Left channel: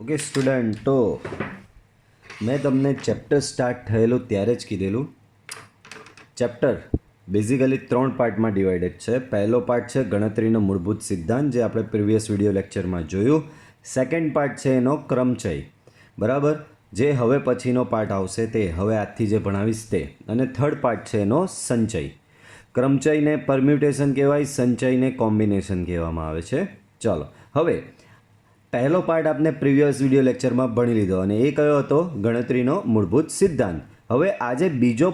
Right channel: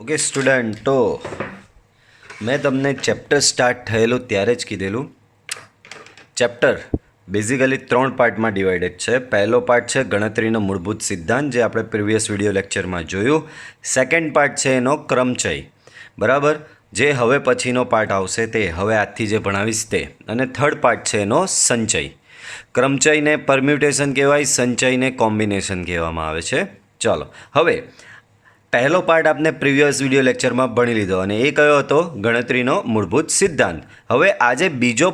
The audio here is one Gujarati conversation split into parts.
ઓકે સ્ટુડન્ટ, તો મેં તમને ચેપ્ટર સ્ટાર્ટ થયેલું ત્યારે જ કીધેલું. ચેપ્ટર બેઝિકલી 3 પાર્ટમાં ડિવાઇડેડ છે. પહેલો પાર્ટ છે ગણતરીનો મૂળભૂત સિદ્ધાંત, જે આપણે પ્રીવિયસ વિડીયો લેક્ચરમાં જોયું. સેકન્ડ પાર્ટ છે એનો ક્રમચય, બરાબર, જે હવે પછીનો પાર્ટ આવશે તે હવે આજથી જે ભણાવીશ તે. અને થર્ડ પાર્ટ છે એનો સંચય. ક્રમચયને પરમ્યુટેશન કહેવાય, સંચયને કોમ્બિનેશન કહેવામાં આવે છે. ચાલો, હવે પહેલો પાર્ટ આપણે પ્રીવિયસ વિડીયો લેક્ચરમાં ભણી લીધો અને એ કયો હતો? ગણતરીનો મૂળભૂત સિદ્ધાંત. હવે આજે બીજો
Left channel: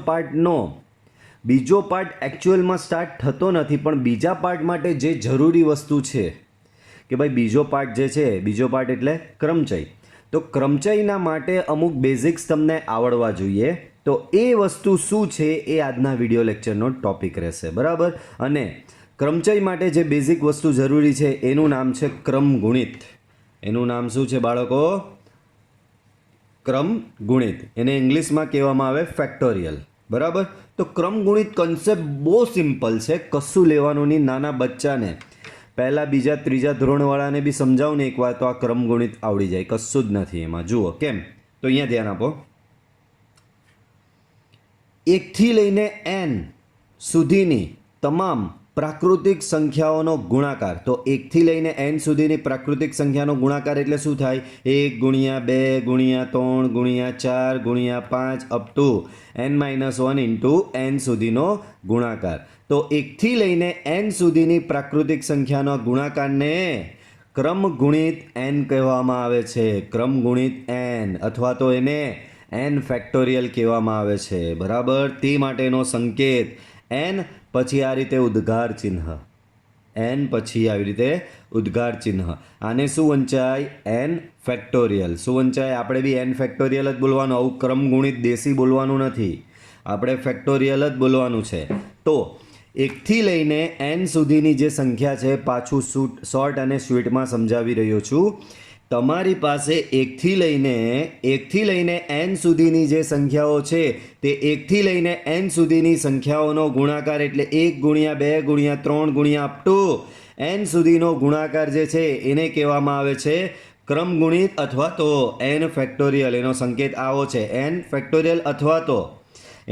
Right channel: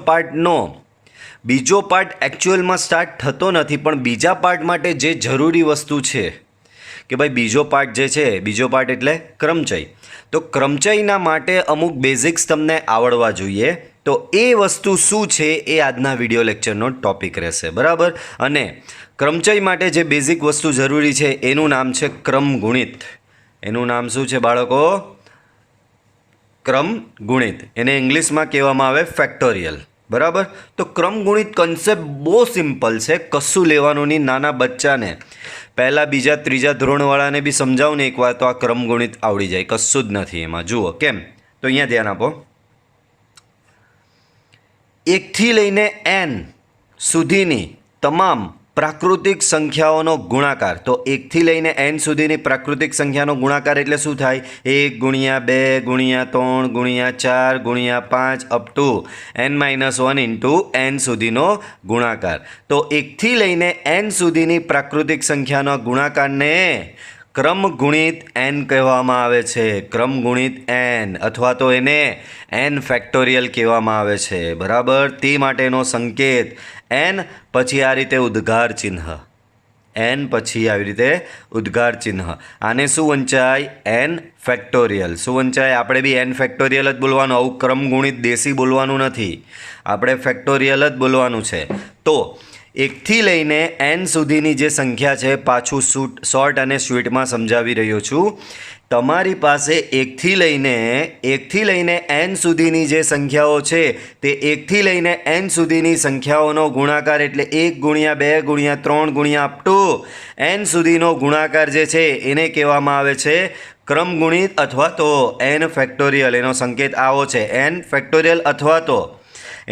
પાર્ટ એકચ્યુઅલમાં સ્ટાર્ટ થતો નથી, પણ બીજા પાર્ટ માટે જે જરૂરી વસ્તુ છે કે ભાઈ બીજો પાર્ટ જે છે, બીજો પાર્ટ એટલે ક્રમચય. તો ક્રમચયના માટે અમુક બેઝિક્સ તમને આવડવા જોઈએ. તો એ વસ્તુ શું છે એ આજના વિડીયો લેક્ચરનો ટોપિક રહેશે, બરાબર. અને ક્રમચય માટે જે બેઝિક વસ્તુ જરૂરી છે એનું નામ છે ક્રમગુણિત. એનું નામ શું છે બાળકો? ક્રમગુણિત. એને ઇંગ્લિશમાં કહેવામાં આવે ફેક્ટોરિયલ, બરાબર. તો ક્રમગુણિત કન્સેપ્ટ બહુ સિમ્પલ છે, કશું લેવાનું નહીં. નાના બચ્ચાને પહેલાં બીજા ત્રીજા ધોરણવાળાને બી સમજાવું ને એકવાર તો આ ક્રમગુણિત આવડી જાય, કશું જ નથી એમાં. જુઓ કેમ, તો અહીંયા ધ્યાન આપો. 1 થી લઈને n સુધીની તમામ પ્રાકૃતિક સંખ્યાઓનો ગુણાકાર. તો 1 થી લઈને n સુધીની પ્રાકૃતિક સંખ્યાનો ગુણાકાર એટલે શું થાય? 1 ગુણ્યા 2 ગુણ્યા 3 ગુણ્યા 4 ગુણ્યા 5 up to n-1 into n સુધીનો ગુણાકાર. તો 1 થી લઈને n સુધીની પ્રાકૃતિક સંખ્યાનો ગુણાકારને ક્રમગુણિત n કહેવામાં આવે છે. ક્રમગુણિત n, અથવા તો એને n ફેક્ટોરિયલ કહેવામાં આવે છે, બરાબર. તે માટેનો સંકેત n પછી આ રીતે ઉદ્ગાર ચિહ્ન, n પછી આવી રીતે ઉદ્ગાર ચિહ્ન. આને શું વંચાય? n factorial. શું વંચાય? આપણે બી n ફેક્ટોરિયલ જ બોલવાનું, આવું ક્રમગુણિત દેશી બોલવાનું નથી, આપણે ફેક્ટોરિયલ જ બોલવાનું છે. તો 1 થી લઈને n સુધીની જે સંખ્યા છે, પાછું શોર્ટ અને સ્વીટમાં સમજાવી રહ્યો છું. તમારી પાસે 1 થી લઈને n સુધીની જે સંખ્યાઓ છે તે 1 થી લઈને n સુધીની સંખ્યાઓનો ગુણાકાર એટલે 1 ગુણ્યા 2 ગુણ્યા 3 ગુણ્યા અપ ટુ n સુધીનો ગુણાકાર જે છે એને કહેવામાં આવે છે ક્રમગુણિત અથવા તો n ફેક્ટોરિયલ. એનો સંકેત આવો છે, n ફેક્ટોરિયલ, અથવા તો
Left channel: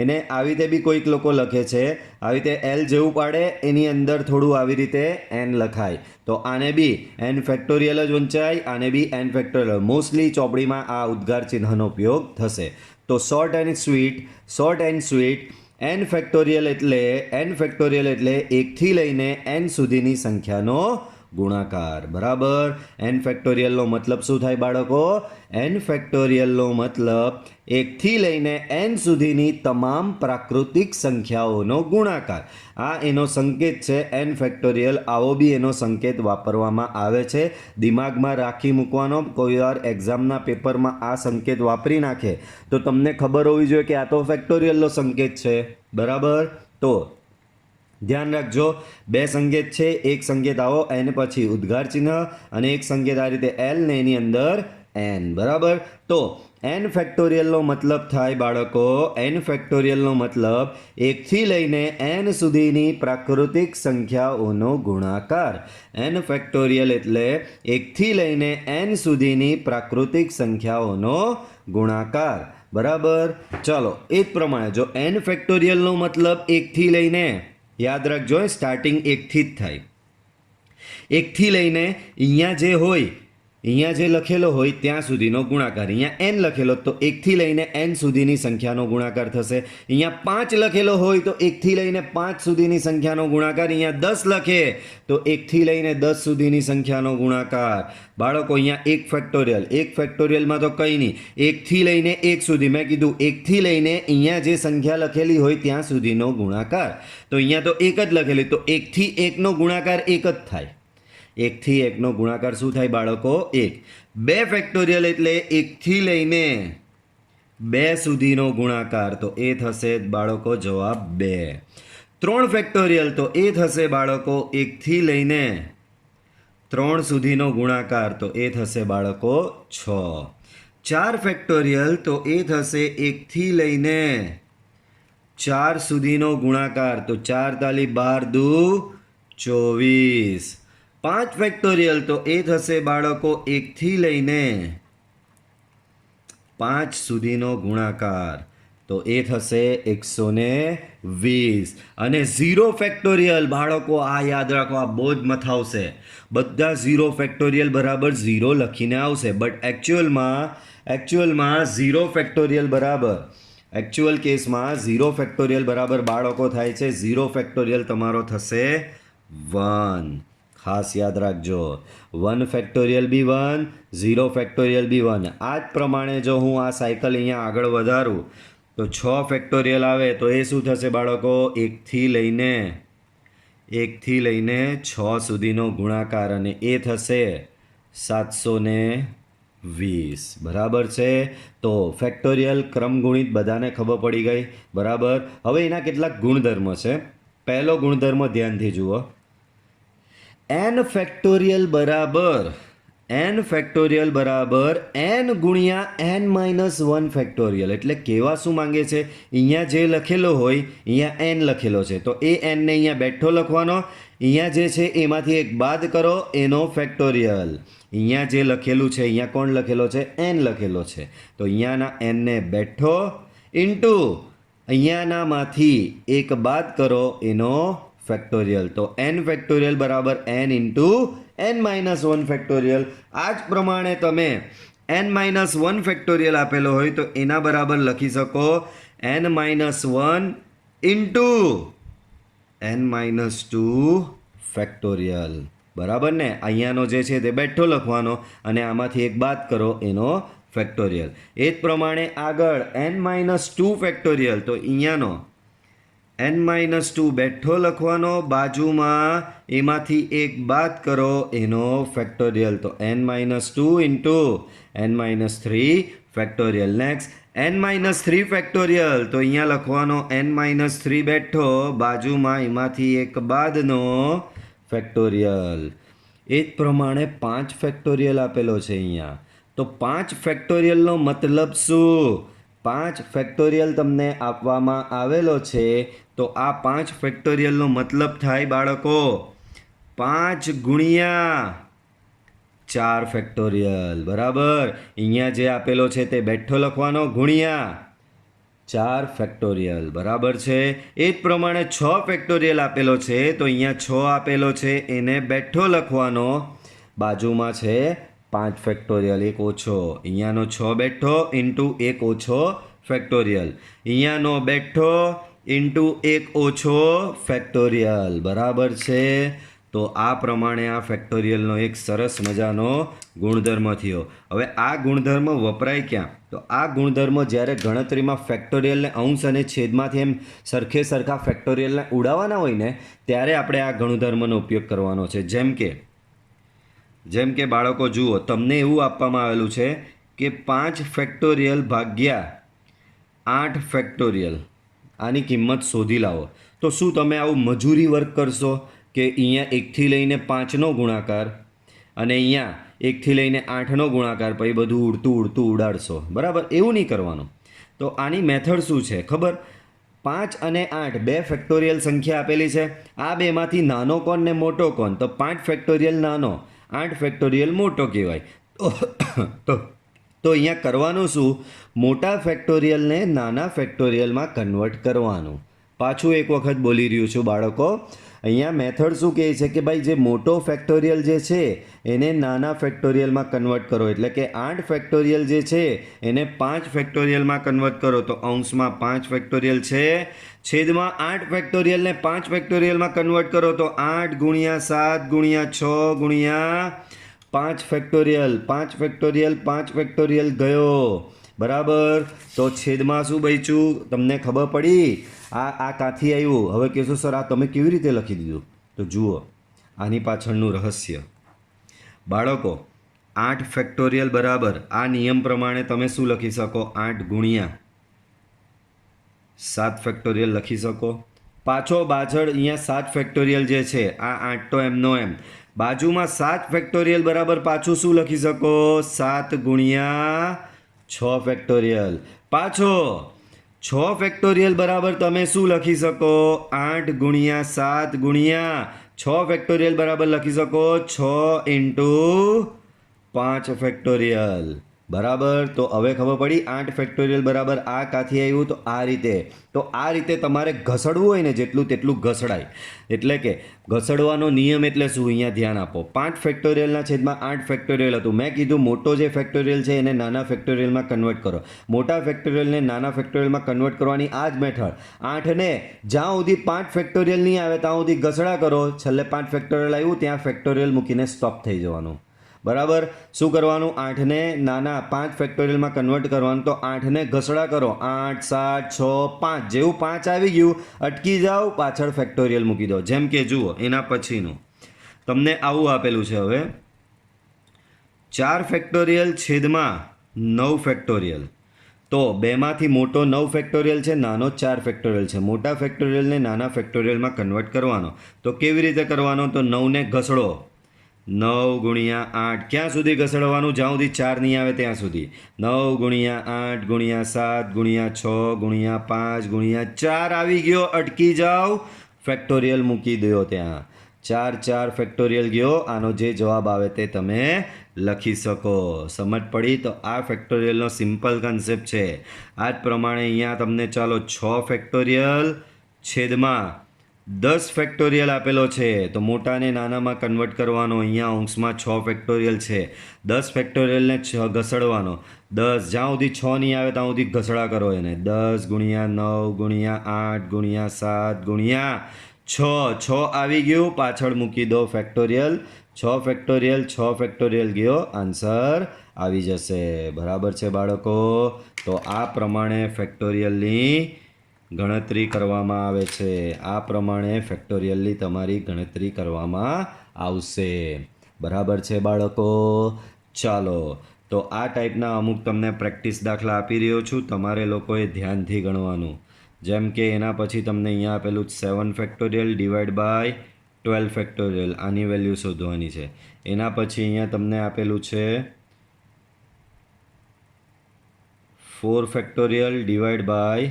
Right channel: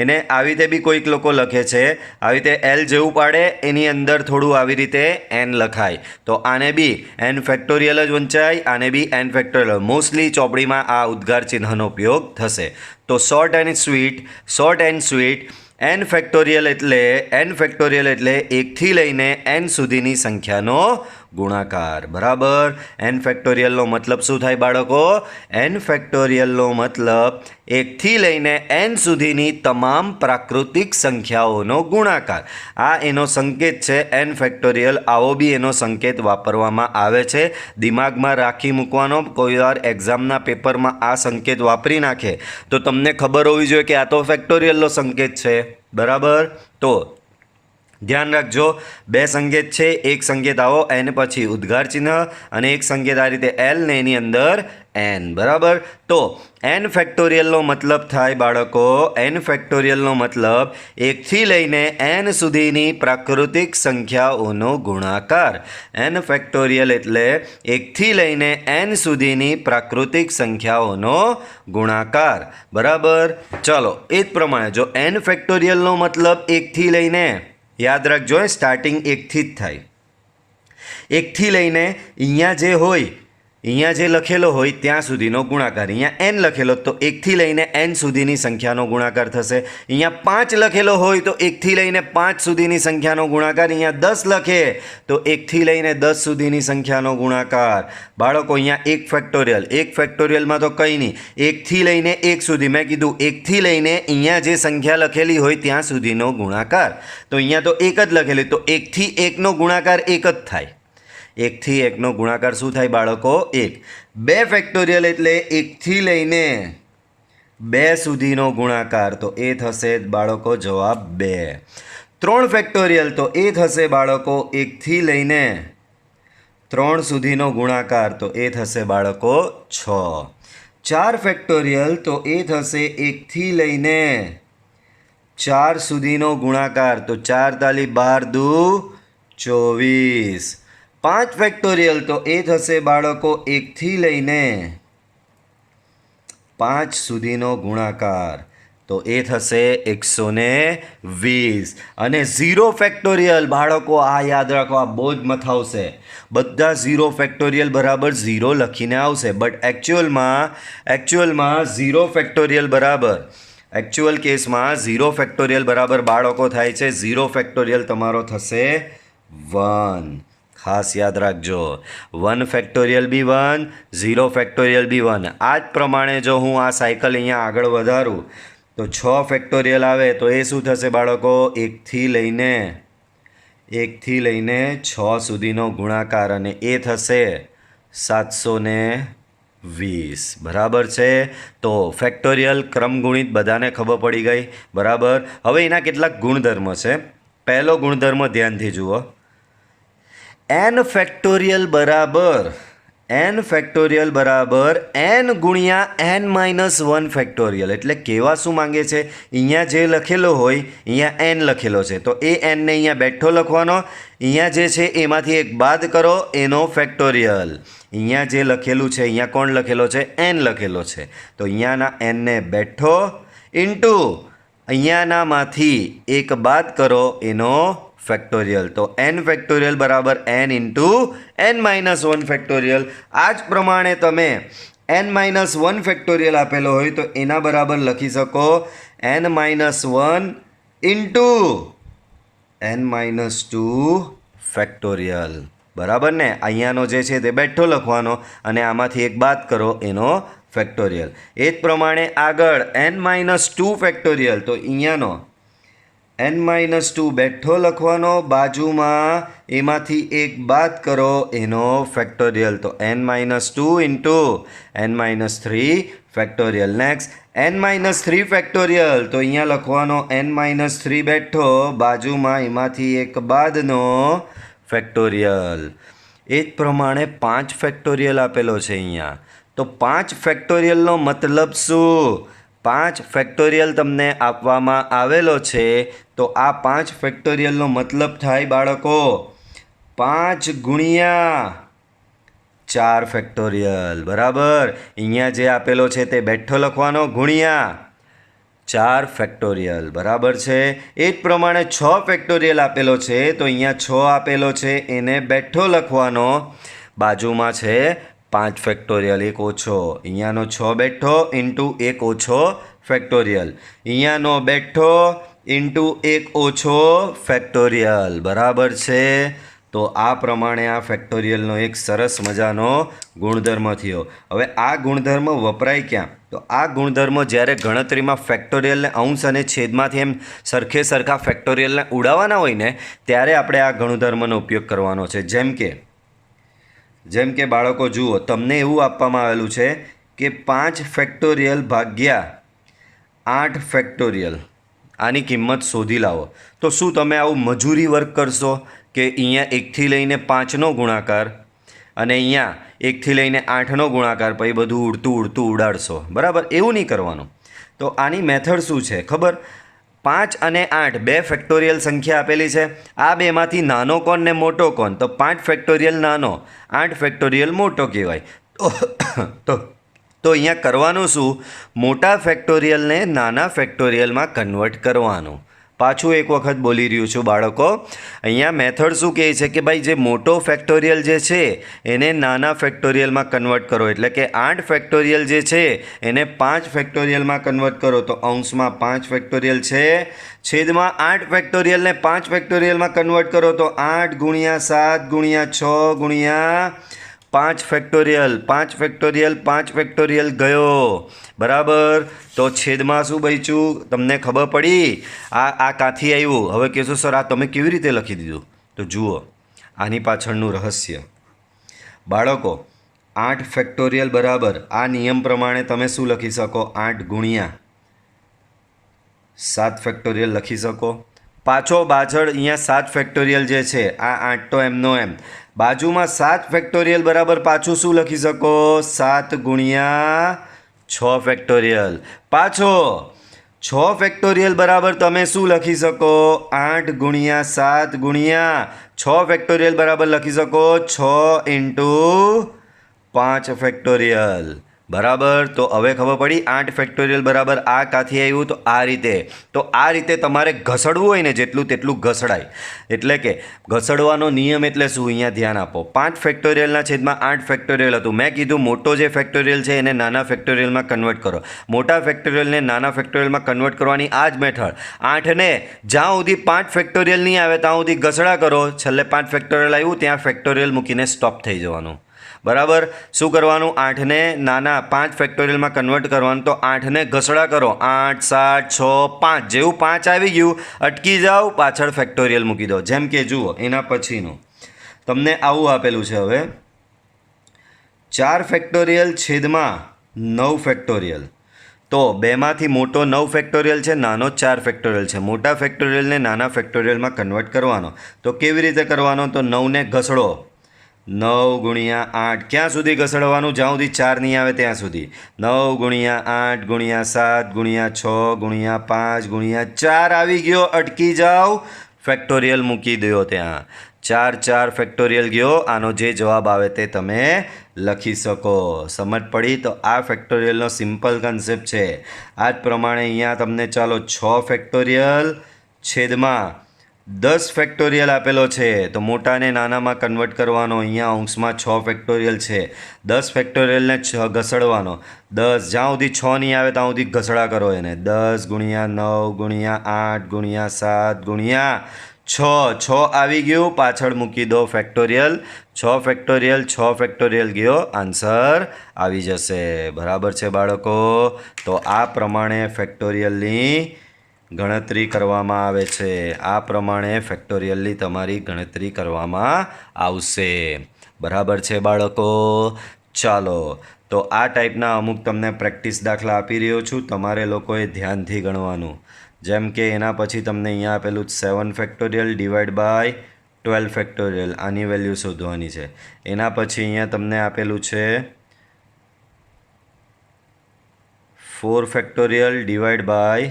એને આવી રીતે બી કોઈક લોકો લખે છે, આવી રીતે L જેવું પાડે, એની અંદર થોડું આવી રીતે n લખાય. તો આને બી n ફેક્ટોરિયલ જ વંચાય, આને બી n ફેક્ટોરિયલ. મોસ્ટલી ચોપડીમાં આ ઉદ્ગાર ચિહ્નનો ઉપયોગ થશે. તો short and sweet n factorial એટલે 1 થી લઈને n સુધીની સંખ્યાનો ગુણાકાર, બરાબર. n ફેક્ટોરિયલનો મતલબ શું થાય બાળકો? n ફેક્ટોરિયલનો મતલબ 1 થી લઈને n સુધીની તમામ પ્રાકૃતિક સંખ્યાઓનો ગુણાકાર. આ એનો સંકેત છે n ફેક્ટોરિયલ. આવો બી એનો સંકેત વાપરવામાં આવે છે, દિમાગમાં રાખી મૂકવાનો. કોઈ વાર એક્ઝામના પેપરમાં આ સંકેત વાપરી નાખે તો તમને ખબર હોવી જોઈએ કે આ તો ફેક્ટોરિયલનો સંકેત છે, બરાબર. તો ધ્યાન રાખજો, 2 સંકેત છે, એક સંકેત આવો n પછી ઉદ્ગાર ચિહ્ન, અને એક સંકેત આ રીતે l ને એની અંદર n, બરાબર. તો n ફેક્ટોરિયલનો મતલબ થાય બાળકો, n ફેક્ટોરિયલનો મતલબ 1 થી લઈને n સુધીની પ્રાકૃતિક સંખ્યાઓનો ગુણાકાર. n ફેક્ટોરિયલ એટલે 1 થી લઈને n સુધીની પ્રાકૃતિક સંખ્યાઓનો ગુણાકાર, બરાબર. ચલો, એ જ પ્રમાણે જો n ફેક્ટોરિયલનો મતલબ 1 થી લઈને, યાદ રાખજો, સ્ટાર્ટિંગ 1 થી જ થાય. 1 થી લઈને અહીંયા જે હોય, અહીંયા જે લખેલો હોય ત્યાં સુધીનો ગુણાકાર. અહીંયા n લખેલો તો 1 થી લઈને n સુધીની સંખ્યાનો ગુણાકાર થશે. અહીંયા 5 લખેલો હોય તો 1 થી લઈને 5 સુધીની સંખ્યાનો ગુણાકાર. અહીંયા 10 લખે તો 1 થી લઈને 10 સુધીની સંખ્યાનો ગુણાકાર. બાળકો અહીંયા 1 ફેક્ટોરિયલમાં તો કંઈ નહીં, 1 થી લઈને 1 સુધી. મેં કીધું 1 થી લઈને અહીંયા જે સંખ્યા લખેલી હોય ત્યાં સુધીનો ગુણાકાર. તો અહીંયા તો 1 જ લખેલી, તો 1 થી 1નો ગુણાકાર 1 જ થાય. 1 થી 1નો ગુણાકાર શું થાય બાળકો? 1. 2 ફેક્ટોરિયલ એટલે 1 થી લઈને 2 સુધીનો ગુણાકાર, તો એ થશે બાળકો જવાબ 2. 3 ફેક્ટોરિયલ તો એ થશે બાળકો 1 થી લઈને 3 સુધીનો ગુણાકાર, તો એ થશે બાળકો 6. 4 ફેક્ટોરિયલ તો એ થશે 1 થી લઈને 4 સુધીનો ગુણાકાર, તો 4 તાલી 12 દુ 24. 5 ફેક્ટોરિયલ તો એ થશે બાળકો 1 થી લઈને 5 સુધીનો ગુણાકાર તો એ થશે 120 અને 0 ફેક્ટોરિયલ બાળકો આ યાદ રાખો આ બહુ જ મથાવશે બધા 0 ફેક્ટોરિયલ બરાબર 0 લખીને આવશે બટ એકચ્યુઅલમાં 0 ફેક્ટોરિયલ બરાબર એકચ્યુઅલ કેસમાં 0 ફેક્ટોરિયલ બરાબર બાળકો થાય છે 0 ફેક્ટોરિયલ તમારો થશે 1 ખાસ યાદ રાખજો 1 ફેક્ટોરિયલ બી 1 0 ફેક્ટોરિયલ બી 1 આ જ પ્રમાણે જો હું આ સાયકલ અહીંયા આગળ વધારું તો 6 ફેક્ટોરિયલ આવે તો એ શું થશે બાળકો 1 થી લઈને 6 સુધીનો ગુણાકાર અને એ થશે 720 બરાબર છે તો ફેક્ટોરિયલ ક્રમગુણિત બધાને ખબર પડી ગઈ બરાબર હવે એના કેટલાક ગુણધર્મ છે પહેલો ગુણધર્મ ધ્યાનથી જુઓ n ફેક્ટોરિયલ બરાબર n ગુણ્યા n માઇનસ 1 ફેક્ટોરિયલ એટલે કહેવા શું માંગે છે અહીંયા જે લખેલો હોય અહીંયા n લખેલો છે તો એ n ને અહીંયા બેઠો લખવાનો અહીંયા જે છે એમાંથી એક બાદ કરો એનો ફેક્ટોરિયલ અહીંયા જે લખેલું છે અહીંયા કોણ લખેલો છે n લખેલો છે તો અહીંયાના n ને બેઠો ઇન્ટુ અહીંયાનામાંથી એક બાદ કરો એનો ફેક્ટોરિયલ તો n ફેક્ટોરિયલ બરાબર n into n minus 1 factorial આ જ પ્રમાણે તમે n માઇનસ 1 ફેક્ટોરિયલ આપેલો હોય તો એના બરાબર લખી શકો n minus 1 into n minus 2 factorial બરાબર ને અહીંયાનો જે છે તે બેઠો લખવાનો અને આમાંથી એક બાદ કરો એનો ફેક્ટોરિયલ એ જ પ્રમાણે આગળ n માઇનસ 2 ફેક્ટોરિયલ તો અહીંયાનો n માઇનસ 2 બેઠો લખવાનો બાજુમાં એમાંથી એક બાદ કરો એનો ફેક્ટોરિયલ તો n minus 2 into n minus 3 factorial next n minus 3 factorial તો અહીંયા લખવાનો n માઇનસ 3 બેઠો બાજુમાં એમાંથી એક બાદનો ફેક્ટોરિયલ એ જ પ્રમાણે 5 ફેક્ટોરિયલ આપેલો છે અહીંયા તો 5 ફેક્ટોરિયલનો મતલબ શું 5 ફેક્ટોરિયલ તમને આપવામાં આવેલો છે તો આ 5 ફેક્ટોરિયલનો મતલબ થાય બાળકો 5 ગુણ્યા 4 ફેક્ટોરિયલ બરાબર અહીંયા જે આપેલો છે તે બેઠો લખવાનો ગુણ્યા 4 ફેક્ટોરિયલ બરાબર છે એ જ પ્રમાણે 6 ફેક્ટોરિયલ આપેલો છે તો અહીંયા 6 આપેલો છે એને બેઠો લખવાનો બાજુમાં છે 5 ફેક્ટોરિયલ એક ઓછો અહીંયાનો 6 બેઠો ઇન્ટુ એક ઓછો ફેક્ટોરિયલ અહીંયાનો બેઠો ઇન્ટુ એક ઓછો ફેક્ટોરિયલ બરાબર છે તો આ પ્રમાણે આ ફેક્ટોરિયલનો એક સરસ મજાનો ગુણધર્મ થયો હવે આ ગુણધર્મ વપરાય ક્યાં તો આ ગુણધર્મ જ્યારે ગણતરીમાં ફેક્ટોરિયલને અંશ અને છેદમાંથી એમ સરખા ફેક્ટોરિયલને ઉડાવવાના હોય ને ત્યારે આપણે આ ગુણધર્મનો ઉપયોગ કરવાનો છે જેમ કે બાળકો જુઓ તમને એવું આપવામાં આવેલું છે કે 5 ફેક્ટોરિયલ ભાગ્યા 8 ફેક્ટોરિયલ આની કિંમત શોધી લાવો તો શું તમે આવું મજૂરી વર્ક કરશો કે અહીંયા 1થી લઈને 5નો ગુણાકાર અને અહીંયા 1થી લઈને 8નો ગુણાકાર પછી બધું ઉડતું ઉડાડશો બરાબર એવું નહીં કરવાનું તો આની મેથડ શું છે ખબર 5 અને 8 બે ફેક્ટોરિયલ સંખ્યા આપેલી છે આ બેમાંથી નાનો કોણ ને મોટો કોણ તો 5 ફેક્ટોરિયલ નાનો 8 ફેક્ટોરિયલ મોટો કહેવાય તો અહીંયા કરવાનું શું મોટા ફેક્ટોરિયલને નાના ફેક્ટોરિયલમાં કન્વર્ટ કરવાનું પાછું એક વખત બોલી રહ્યું છું બાળકો અહીંયા મેથડ શું કહે છે કે ભાઈ જે મોટો ફેક્ટોરિયલ જે છે એને નાના ફેક્ટોરિયલમાં કન્વર્ટ કરો એટલે કે 8 ફેક્ટોરિયલ જે છે એને 5 ફેક્ટોરિયલમાં કન્વર્ટ કરો તો અંશમાં 5 ફેક્ટોરિયલ છે છેદમાં 8 ફેક્ટોરિયલને 5 ફેક્ટોરિયલમાં કન્વર્ટ કરો તો 8 ગુણ્યા 7 ગુણ્યા 6 ગુણ્યા 5 ફેક્ટોરિયલ 5 ફેક્ટોરિયલ 5 ફેક્ટોરિયલ ગયો બરાબર તો છેદમાં શું બચ્યું તમને ખબર પડી આ કાંથી આવ્યું હવે કહેશો સર આ તમે કેવી રીતે લખી દીધું તો જુઓ આની પાછળનું રહસ્ય બાળકો 8 ફેક્ટોરિયલ બરાબર આ નિયમ પ્રમાણે તમે શું લખી શકો 8 ગુણ્યા 7 ફેક્ટોરિયલ લખી શકો પાછળ અહીંયા 7 ફેક્ટોરિયલ જે છે આ 8 તો એમનો એમ બાજુમાં 7 ફેક્ટોરિયલ બરાબર પાછું શું લખી શકો 7 ગુણ્યા 6 ફેક્ટોરિયલ પાછો 6 ફેક્ટોરિયલ બરાબર તમે શું લખી શકો 8 ગુણ્યા 7 ગુણ્યા 6 ફેક્ટોરિયલ બરાબર લખી શકો 6 ઇન્ટુ 5 ફેક્ટોરિયલ બરાબર. તો હવે ખબર પડી 8 ફેક્ટોરિયલ બરાબર આ કાથી આવ્યું તો આ રીતે. તો આ રીતે તમારે ઘસડવું હોય ને જેટલું તેટલું ઘસડાય. એટલે કે ઘસડવાનો નિયમ એટલે શું અહીંયા ધ્યાન આપો. 5 ફેક્ટોરિયલના છેદમાં 8 ફેક્ટોરિયલ હતું. મેં કીધું મોટો જે ફેક્ટોરિયલ છે એને નાના ફેક્ટોરિયલમાં કન્વર્ટ કરો. મોટા ફેક્ટોરિયલને નાના ફેક્ટોરિયલમાં કન્વર્ટ કરવાની આ જ મેથડ. 8ને જ્યાં સુધી 5 ફેક્ટોરિયલ નહીં આવે ત્યાં સુધી ઘસડા કરો. છેલ્લે 5 ફેક્ટોરિયલ આવ્યું ત્યાં ફેક્ટોરિયલ મૂકીને સ્ટોપ થઈ જવાનું. બરાબર. શું કરવાનું? 8ને નાના 5 ફેક્ટોરિયલમાં કન્વર્ટ કરવાનું. તો 8ને ઘસડા કરો. 8 7 6 5. જેવું 5 આવી ગયું અટકી જાઓ, પાછળ ફેક્ટોરિયલ મૂકી દો. જેમ કે જુઓ એના પછીનું તમને આવું આપેલું છે. હવે 4 ફેક્ટોરિયલ છેદમાં 9 ફેક્ટોરિયલ. તો બેમાંથી મોટો 9 ફેક્ટોરિયલ છે, નાનો 4 ફેક્ટોરિયલ છે. મોટા ફેક્ટોરિયલને નાના ફેક્ટોરિયલમાં કન્વર્ટ કરવાનો. તો કેવી રીતે કરવાનો? તો 9ને ઘસડો. 9 ગુણ્યા 8 ક્યાં સુધી ઘસડવાનું? જ્યાં સુધી 4 નહીં આવે ત્યાં સુધી. 9 ગુણ્યા 8 ગુણ્યા 7 ગુણ્યા 6 ગુણ્યા 5 ગુણ્યા 4 આવી ગયો, અટકી જાઓ, ફેક્ટોરિયલ મૂકી દો ત્યાં. 4 4 ફેક્ટોરિયલ ગયો. આનો જે જવાબ આવે તે તમે લખી શકો. સમજ પડી? તો આ ફેક્ટોરિયલનો સિમ્પલ કન્સેપ્ટ છે. આ જ પ્રમાણે અહીંયા તમને ચાલો 6 ફેક્ટોરિયલ છેદમાં 10 ફેક્ટોરિયલ આપેલો છે. તો મોટાને નાનામાં કન્વર્ટ કરવાનો. અહીંયા અંશમાં 6 ફેક્ટોરિયલ છે. 10 ફેક્ટોરિયલને ઘસડવાનો. 10 જ્યાં સુધી 6 નહીં આવે ત્યાં સુધી ઘસડા કરો એને. 10 ગુણ્યા 9 ગુણ્યા 8 ગુણ્યા 7 ગુણ્યા 6 આવી ગયું, પાછળ મૂકી દો ફેક્ટોરિયલ. 6 ફેક્ટોરિયલ 6 ફેક્ટોરિયલ ગયો, આન્સર આવી જશે. બરાબર છે બાળકો? તો આ પ્રમાણે ફેક્ટોરિયલની ગણતરી કરવામાં આવે છે. આ પ્રમાણે ફેક્ટોરિયલની તમારી ગણતરી કરવામાં આવશે. બરાબર છે બાળકો? ચાલો, તો આ ટાઈપના અમુક તમને પ્રેક્ટિસ દાખલા આપી રહ્યો છું. તમારે લોકોએ ધ્યાનથી ગણવાનું. જેમ કે એના પછી તમને અહીંયા આપેલું 7 ફેક્ટોરિયલ ડિવાઈડ બાય 12 ફેક્ટોરિયલ. આની વેલ્યુ શોધવાની છે. એના પછી અહીંયા તમને આપેલું છે 4 ફેક્ટોરિયલ ડિવાઈડ બાય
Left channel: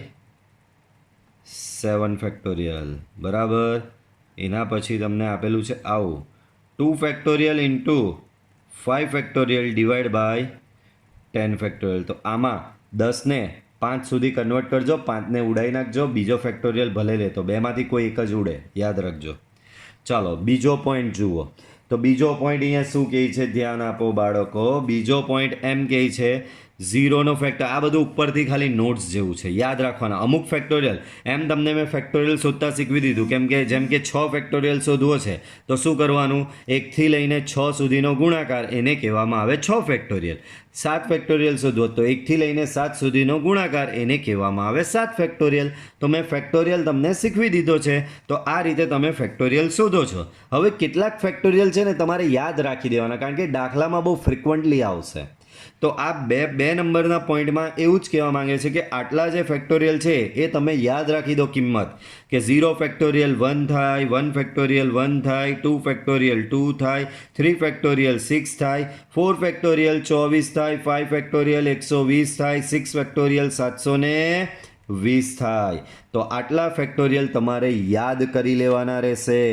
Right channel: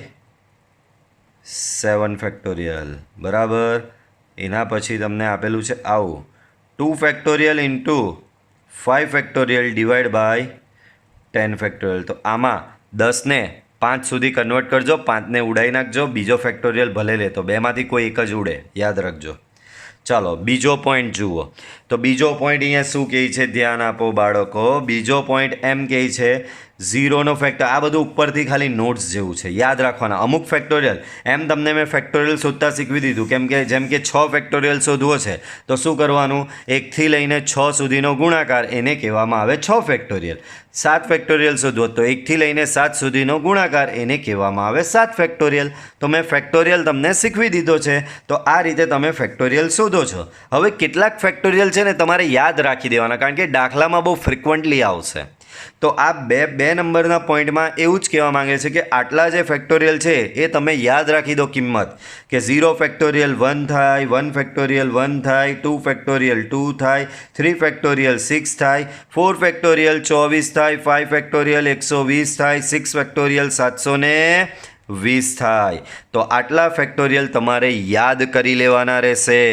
7 ફેક્ટોરિયલ. બરાબર. એના પછી તમને આપેલું છે આવું 2 factorial into 5 factorial divide by 10 factorial. તો આમાં 10ને 5 સુધી કન્વર્ટ કરજો, 5ને ઉડાવી નાખજો, બીજો ફેક્ટોરિયલ ભલે લે, તો બેમાંથી કોઈ એક જ ઉડે, યાદ રાખજો. ચાલો બીજો પોઈન્ટ જુઓ. તો બીજો પોઈન્ટ અહીંયા શું કહે છે? ધ્યાન આપો બાળકો. બીજો પોઈન્ટ એમ કહે છે 0નો ફેક્ટર. આ બધું ઉપરથી ખાલી નોટ્સ જેવું છે, યાદ રાખવાના. અમુક ફેક્ટોરિયલ એમ તમને મેં ફેક્ટોરિયલ શોધતા શીખવી દીધું. કેમ કે જેમ કે 6 ફેક્ટોરિયલ શોધવો છે તો શું કરવાનું? 1થી લઈને 6 સુધીનો ગુણાકાર, એને કહેવામાં આવે 6 ફેક્ટોરિયલ. 7 ફેક્ટોરિયલ શોધવો તો 1થી લઈને 7 સુધીનો ગુણાકાર, એને કહેવામાં આવે 7 ફેક્ટોરિયલ. તો મેં ફેક્ટોરિયલ તમને શીખવી દીધો છે. તો આ રીતે તમે ફેક્ટોરિયલ શોધો છો. હવે કેટલાક ફેક્ટોરિયલ છે ને તમારે યાદ રાખી દેવાના, કારણ કે દાખલામાં બહુ ફ્રિકવન્ટલી આવશે. તો આ બે નંબરના પોઈન્ટમાં એવું જ કહેવા માંગે છે કે આટલા જે ફેક્ટોરિયલ છે એ તમે યાદ રાખી દો કિંમત, કે 0 ફેક્ટોરિયલ 1 થાય, 1 ફેક્ટોરિયલ 1 થાય, 2 ફેક્ટોરિયલ 2 થાય, 3 ફેક્ટોરિયલ 6 થાય, 4 ફેક્ટોરિયલ 24 થાય, 5 ફેક્ટોરિયલ 120 થાય, 6 ફેક્ટોરિયલ 720 થાય. તો આટલા ફેક્ટોરિયલ તમારે યાદ કરી લેવાના રહેશે.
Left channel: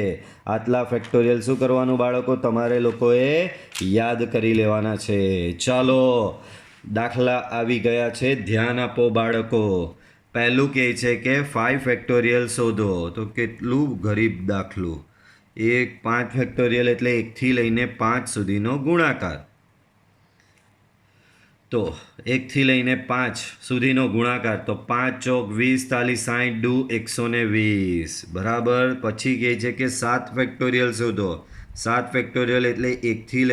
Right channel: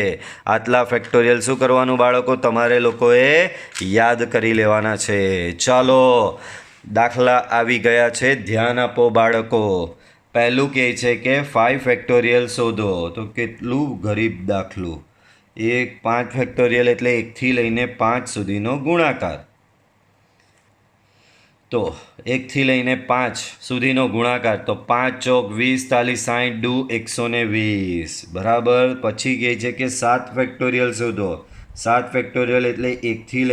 આટલા ફેક્ટોરિયલ શું કરવાનું બાળકો? તમારે લોકોએ યાદ કરી લેવાના છે. ચાલો દાખલા આવી ગયા છે, ધ્યાન આપો બાળકો. પહેલું કહે છે કે 5 ફેક્ટોરિયલ શોધો. તો કેટલું ગરીબ દાખલું. 5 ફેક્ટોરિયલ એટલે 1થી લઈને 5 સુધીનો ગુણાકાર. તો 1થી લઈને 5 સુધીનો ગુણાકાર. તો 5 ચોક 20, 40, 60 દુ 120. બરાબર. પછી કહે છે કે 7 ફેક્ટોરિયલ શોધો. 7 ફેક્ટોરિયલ એટલે 1થી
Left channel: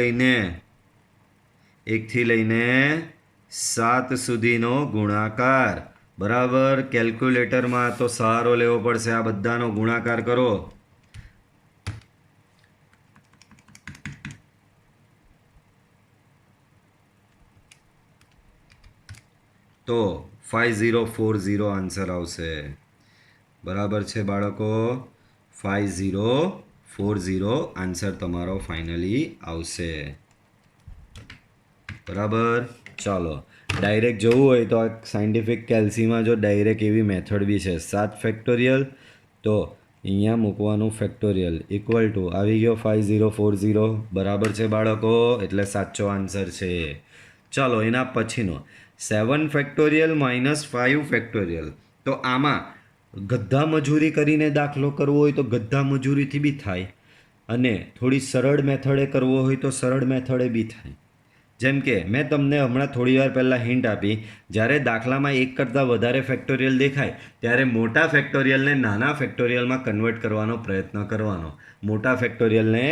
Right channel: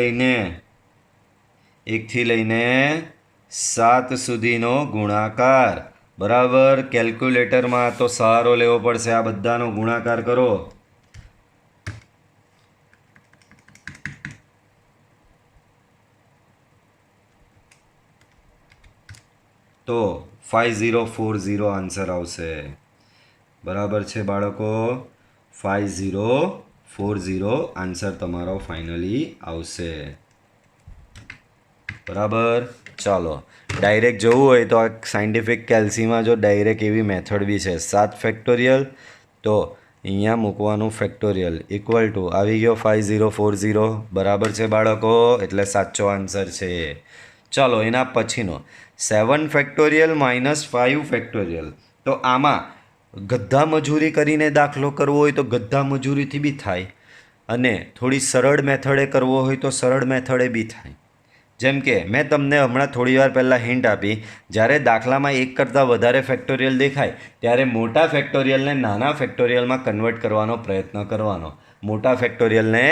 લઈને 7 સુધીનો ગુણાકાર. બરાબર. કેલ્ક્યુલેટરમાં તો સહારો લેવો પડશે. આ બધાનો ગુણાકાર કરો. તો 5040 આન્સર આવશે. બરાબર છે બાળકો? 5040 આન્સર તમારો ફાઇનલી આવશે. બરાબર. ચાલો ડાયરેક્ટ જવું હોય તો આ સાયન્ટિફિક કેલ્સીમાં જો ડાયરેક્ટ એવી મેથડ બી છે. 7 ફેક્ટોરિયલ તો અહીંયા મૂકવાનું ફેક્ટોરિયલ ઇક્વલ ટુ આવી ગયો 5040. બરાબર છે બાળકો? એટલે સાચો આન્સર છે. ચાલો એના પછીનો 7 ફેક્ટોરિયલ -5 ફેક્ટોરિયલ. તો આમાં ગધ્ધા મજૂરી કરીને દાખલો કરવો હોય તો ગધ્ધા મજૂરીથી બી થાય, અને થોડી સરળ મેથડે કરવો હોય તો સરળ મેથડે બી થાય. જેમ કે મેં તમને હમણાં થોડી વાર પહેલાં હિન્ટ આપી, જ્યારે દાખલામાં એક કરતાં વધારે ફેક્ટોરિયલ દેખાય ત્યારે મોટા ફેક્ટોરિયલને નાના ફેક્ટોરિયલમાં કન્વર્ટ કરવાનો પ્રયત્ન કરવાનો. મોટા ફેક્ટોરિયલને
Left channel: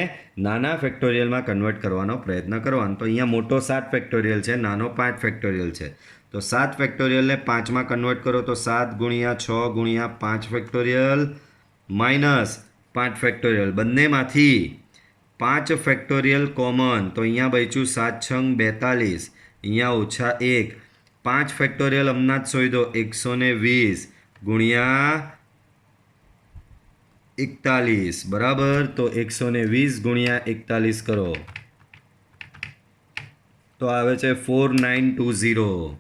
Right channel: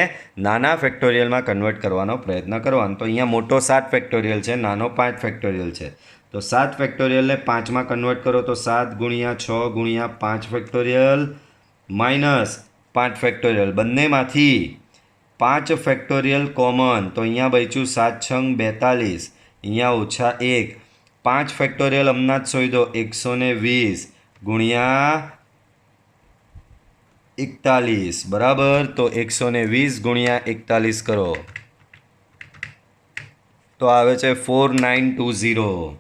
નાના ફેક્ટોરિયલમાં કન્વર્ટ કરવાનો પ્રયત્ન કરવાનો. તો અહીંયા મોટો 7 ફેક્ટોરિયલ છે, નાનો 5 ફેક્ટોરિયલ છે. તો 7 ફેક્ટોરિયલને 5માં કન્વર્ટ કરો તો 7 × 6 × 5 ફેક્ટોરિયલ -5 ફેક્ટોરિયલ. બંનેમાંથી 5 ફેક્ટોરિયલ કોમન, તો અહીંયા બચ્યું 7 × 42, અહીંયા -1. 5 ફેક્ટોરિયલ હમણાં જ શોધો 120 × 41, બરાબર. તો 120 × 41 કરો તો આવે છે 4920.